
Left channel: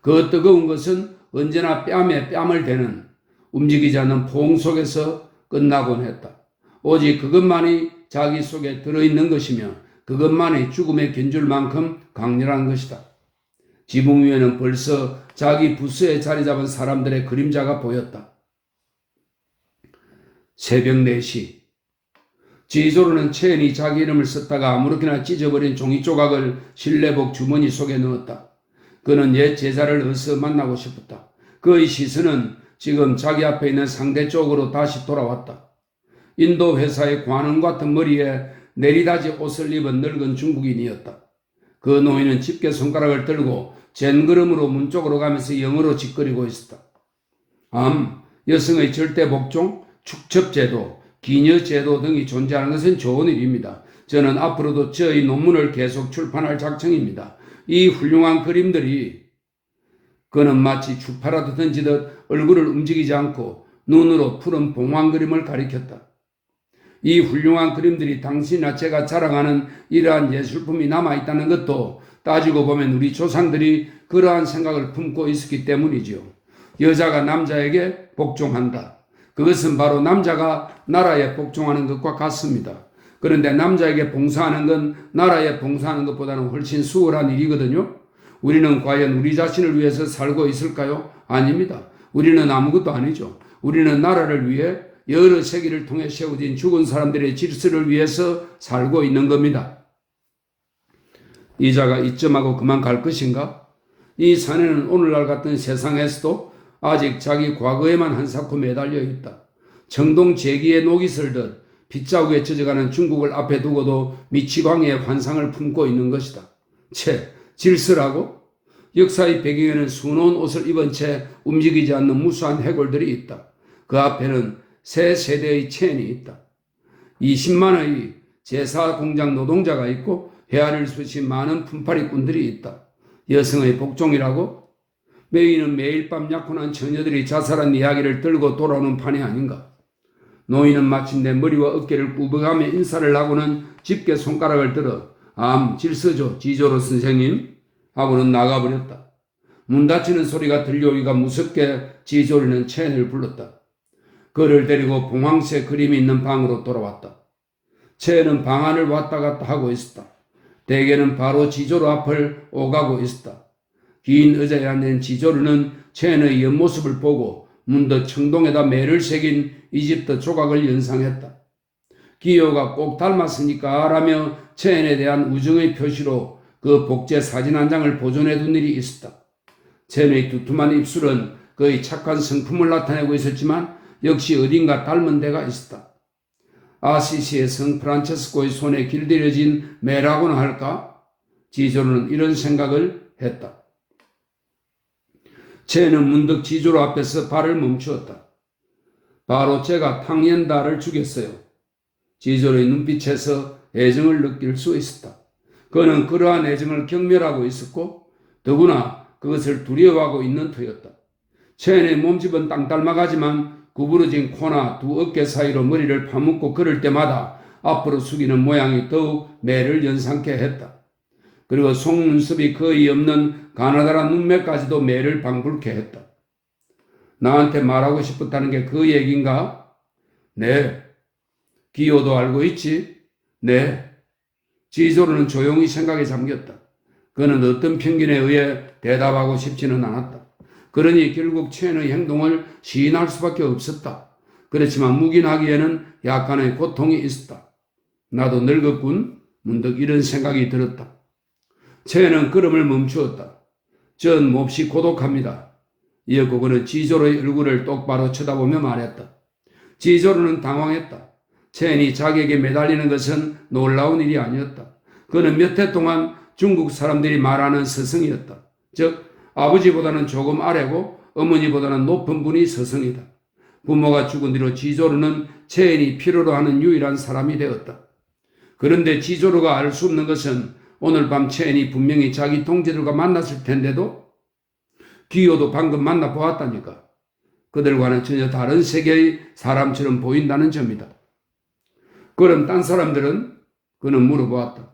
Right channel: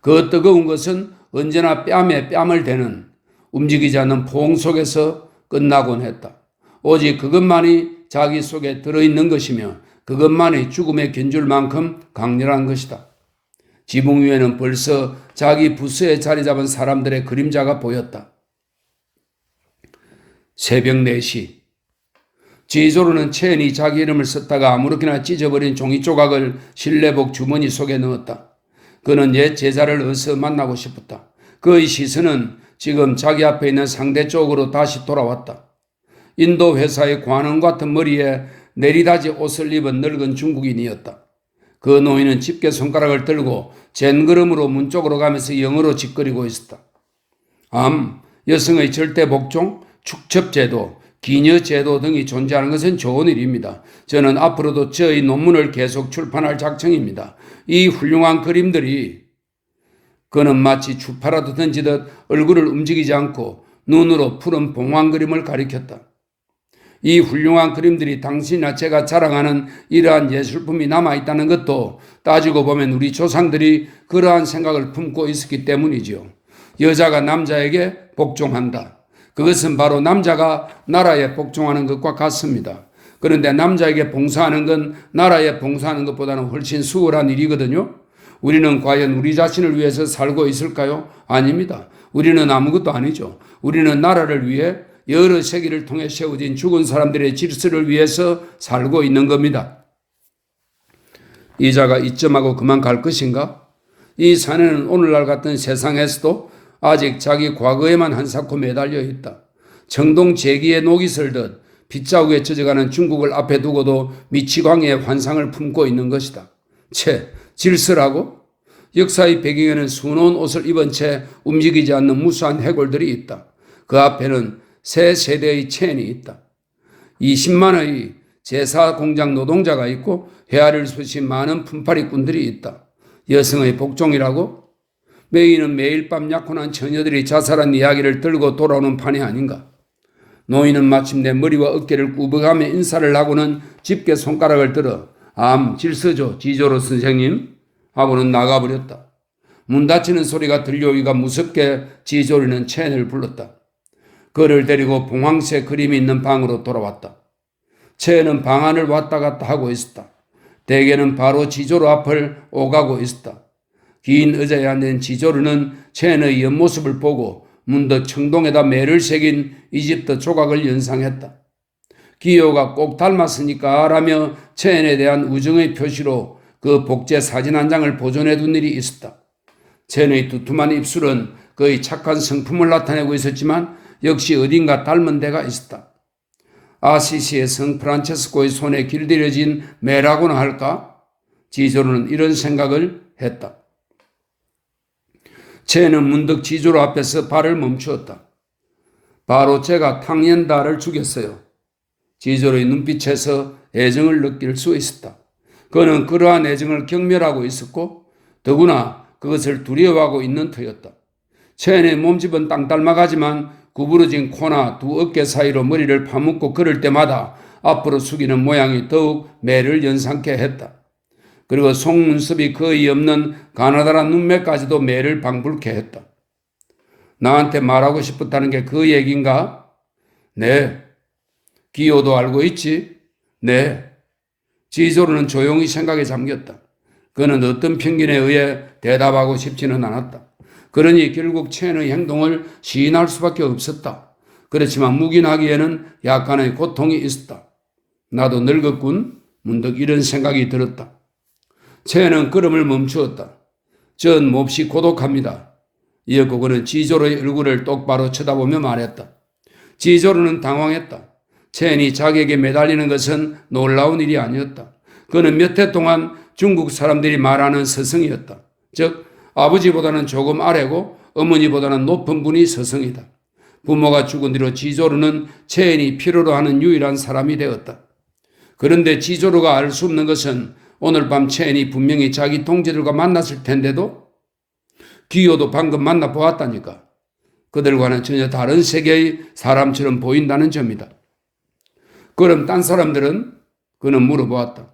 그 뜨거운 것은 언제나 뺨에 뺨을 대는 움직이지 않는 포옹 속에서 끝나곤 했다. 오직 그것만이 자기 속에 들어있는 것이며 그것만이 죽음에 견줄 만큼 강렬한 것이다. 지붕 위에는 벌써 자기 부스에 자리 잡은 사람들의 그림자가 보였다. 새벽 4시. 지조로는 체엔이 자기 이름을 썼다가 아무렇게나 찢어버린 종이 조각을 실내복 주머니 속에 넣었다. 그는 옛 제자를 어서 만나고 싶었다. 그의 시선은 지금 자기 앞에 있는 상대 쪽으로 다시 돌아왔다. 인도 회사의 관원 같은 머리에 내리다지 옷을 입은 늙은 중국인이었다. 그 노인은 집게 손가락을 들고 젠걸음으로 문 쪽으로 가면서 영어로 짓거리고 있었다. 여성의 절대 복종, 축첩제도, 기녀제도 등이 존재하는 것은 좋은 일입니다. 저는 앞으로도 저의 논문을 계속 출판할 작정입니다. 이 훌륭한 그림들이 그는 마치 추파라도 던지듯 얼굴을 움직이지 않고 눈으로 푸른 봉황 그림을 가리켰다. 이 훌륭한 그림들이 당신이나 제가 자랑하는 이러한 예술품이 남아있다는 것도 따지고 보면 우리 조상들이 그러한 생각을 품고 있었기 때문이지요. 여자가 남자에게 복종한다. 그것은 바로 남자가 나라에 복종하는 것과 같습니다. 그런데 남자에게 봉사하는 건 나라에 봉사하는 것보다는 훨씬 수월한 일이거든요. 우리는 과연 우리 자신을 위해서 살고 있을까요? 아닙니다. 우리는 아무것도 아니죠. 우리는 나라를 위해 여러 세기를 통해 세워진 죽은 사람들의 질서를 위해서 살고 있는 겁니다. 이 자가 이쯤하고 그만 갈 것인가? 이 사내는 오늘날 같은 세상에서도 아직 자기 과거에만 한사코 매달려 있다. 청동 제기에 녹이 슬듯 빗자국에 젖어가는 중국을 앞에 두고도 미치광이의 환상을 품고 있는 것이다. 질서라고? 역사의 배경에는 수놓은 옷을 입은 채 움직이지 않는 무수한 해골들이 있다. 그 앞에는 새 세대의 체인이 있다. 20만의 제사 공장 노동자가 있고 헤아릴 수 없이 많은 품팔이꾼들이 있다. 여성의 복종이라고? 메이는 매일 밤 약혼한 처녀들이 자살한 이야기를 들고 돌아오는 판이 아닌가. 노인은 마침내 머리와 어깨를 꾸벅하며 인사를 하고는 집게 손가락을 들어 질서죠 지조로 선생님 하고는 나가버렸다. 문 닫히는 소리가 들려오기가 무섭게 지조리는 체인을 불렀다. 그를 데리고 봉황색 그림이 있는 방으로 돌아왔다. 체인은 방 안을 왔다 갔다 하고 있었다. 대개는 바로 지조로 앞을 오가고 있었다. 긴 의자에 앉은 지조르는 체인의 옆모습을 보고 문득 청동에다 매를 새긴 이집트 조각을 연상했다. 기요가 꼭 닮았으니까 라며 체인에 대한 우정의 표시로 그 복제 사진 한 장을 보존해 둔 일이 있었다. 체인의 두툼한 입술은 그의 착한 성품을 나타내고 있었지만 역시 어딘가 닮은 데가 있었다. 아시시의 성 프란체스코의 손에 길들여진 매라고나 할까? 지조르는 이런 생각을 했다. 체는 문득 지조로 앞에서 발을 멈추었다. 바로 제가 탕옌다를 죽였어요. 지조로의 눈빛에서 애정을 느낄 수 있었다. 그는 그러한 애정을 경멸하고 있었고 더구나 그것을 두려워하고 있는 터였다. 체의 몸집은 땅 닮아가지만 구부러진 코나 두 어깨 사이로 머리를 파묻고 걸을 때마다 앞으로 숙이는 모양이 더욱 매를 연상케 했다. 그리고 속눈썹이 거의 없는 가느다란 눈매까지도 매를 방불케 했다. 나한테 말하고 싶었다는 게 그 얘기인가? 네. 기호도 알고 있지? 네. 지조로는 조용히 생각에 잠겼다. 그는 어떤 편견에 의해 대답하고 싶지는 않았다. 그러니 결국 체의 행동을 시인할 수밖에 없었다. 그렇지만 묵인하기에는 약간의 고통이 있었다. 나도 늙었군. 문득 이런 생각이 들었다. 체는 걸음을 멈추었다. 전 몹시 고독합니다. 이었고 그는 지조로의 얼굴을 똑바로 쳐다보며 말했다. 지조로는 당황했다. 체이 자기에게 매달리는 것은 놀라운 일이 아니었다. 그는 몇 해 동안 중국 사람들이 말하는 스승이었다. 즉 아버지보다는 조금 아래고 어머니보다는 높은 분이 스승이다. 부모가 죽은 뒤로 지조로는 체인이 필요로 하는 유일한 사람이 되었다. 그런데 지조로가 알 수 없는 것은 오늘 밤 체인이 분명히 자기 동지들과 만났을 텐데도 기호도 방금 만나보았다니까. 그들과는 전혀 다른 세계의 사람처럼 보인다는 점이다. 그럼 딴 사람들은? 그는 물어보았다.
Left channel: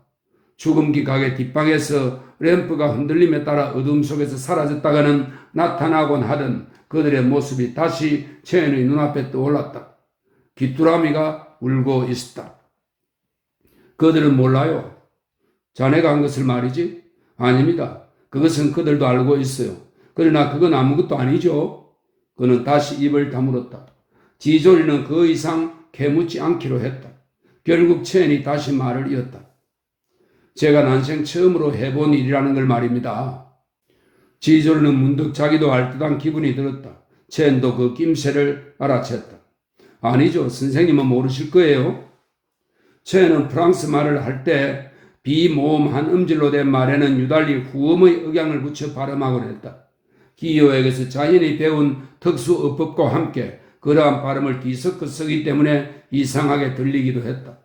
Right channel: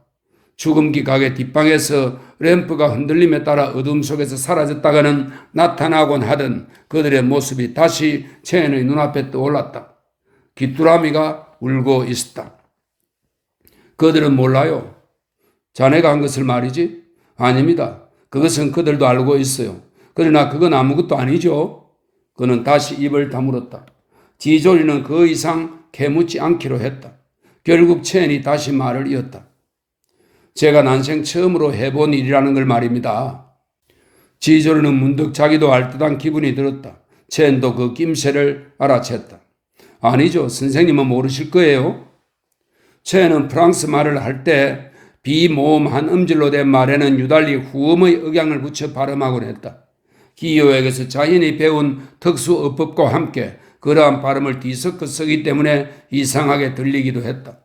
죽음기 가게 뒷방에서 램프가 흔들림에 따라 어둠 속에서 사라졌다가는 나타나곤 하던 그들의 모습이 다시 체인의 눈앞에 떠올랐다. 귀뚜라미가 울고 있었다. 그들은 몰라요. 자네가 한 것을 말이지? 아닙니다. 그것은 그들도 알고 있어요. 그러나 그건 아무것도 아니죠. 그는 다시 입을 다물었다. 지조리는 그 이상 캐묻지 않기로 했다. 결국 체인이 다시 말을 이었다. 제가 난생 처음으로 해본 일이라는 걸 말입니다. 지조르는 문득 자기도 알듯한 기분이 들었다. 체인도 그 낌새를 알아챘다. 아니죠. 선생님은 모르실 거예요. 체인은 프랑스 말을 할 때 비모음한 음질로 된 말에는 유달리 후음의 억양을 붙여 발음하곤 했다. 기요에게서 자연이 배운 특수 어법과 함께 그러한 발음을 뒤섞어 쓰기 때문에 이상하게 들리기도 했다.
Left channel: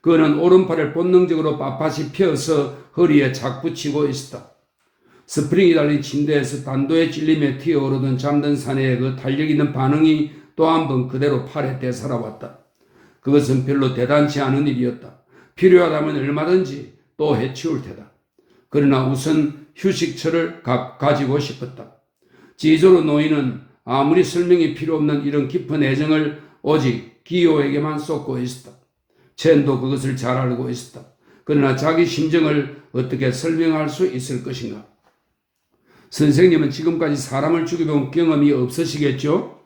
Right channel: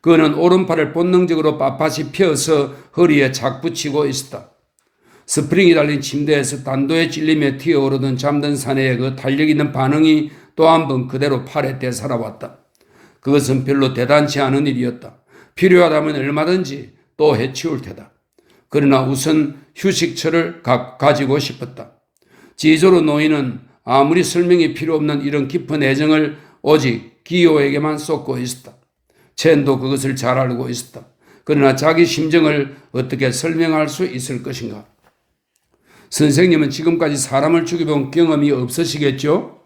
그는 오른팔을 본능적으로 빳빳이 펴서 허리에 착 붙이고 있었다. 스프링이 달린 침대에서 단도에 찔리며 튀어오르던 잠든 사내의 그 탄력 있는 반응이 또 한 번 그대로 팔에 되살아왔다. 그것은 별로 대단치 않은 일이었다. 필요하다면 얼마든지 또 해치울 테다. 그러나 우선 휴식처를 가지고 싶었다. 지조로 노인은 아무리 설명이 필요 없는 이런 깊은 애정을 오직 기요에게만 쏟고 있었다. 체인도 그것을 잘 알고 있었다. 그러나 자기 심정을 어떻게 설명할 수 있을 것인가? 선생님은 지금까지 사람을 죽여본 경험이 없으시겠죠?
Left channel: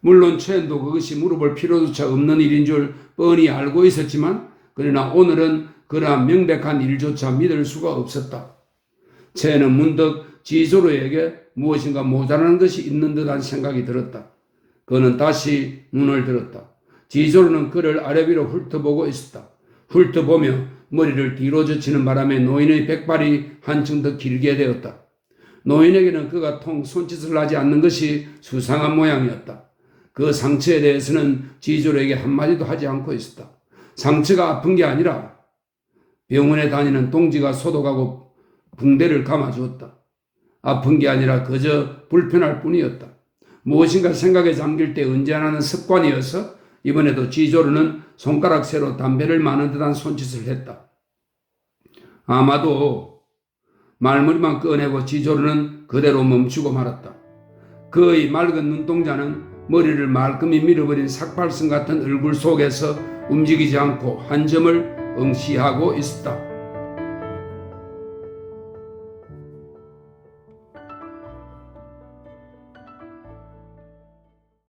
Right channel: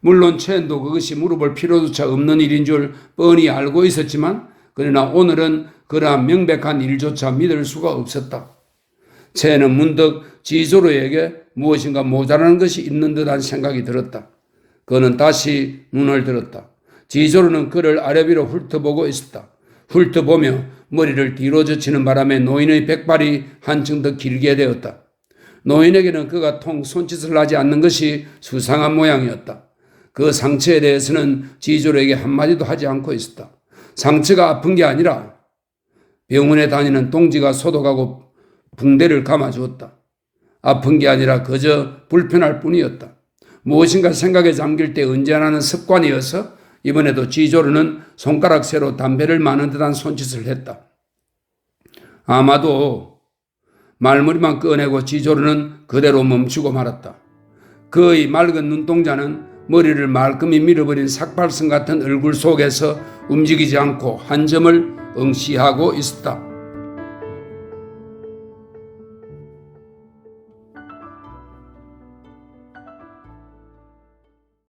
물론 체인도 그것이 물어볼 필요조차 없는 일인 줄 뻔히 알고 있었지만 그러나 오늘은 그러한 명백한 일조차 믿을 수가 없었다. 체인은 문득 지조로에게 무엇인가 모자라는 것이 있는 듯한 생각이 들었다. 그는 다시 눈을 들었다. 지조로는 그를 아래 위로 훑어보고 있었다. 훑어보며 머리를 뒤로 젖히는 바람에 노인의 백발이 한층 더 길게 되었다. 노인에게는 그가 통 손짓을 하지 않는 것이 수상한 모양이었다. 그 상처에 대해서는 지조로에게 한마디도 하지 않고 있었다. 상처가 아픈 게 아니라 병원에 다니는 동지가 소독하고 붕대를 감아주었다. 아픈 게 아니라 그저 불편할 뿐이었다. 무엇인가 생각에 잠길 때 언제나는 습관이어서 이번에도 지조로는 손가락 새로 담배를 마는 듯한 손짓을 했다. 아마도 말머리만 꺼내고 지조로는 그대로 멈추고 말았다. 그의 맑은 눈동자는 머리를 말끔히 밀어버린 삭발성 같은 얼굴 속에서 움직이지 않고 한 점을 응시하고 있었다.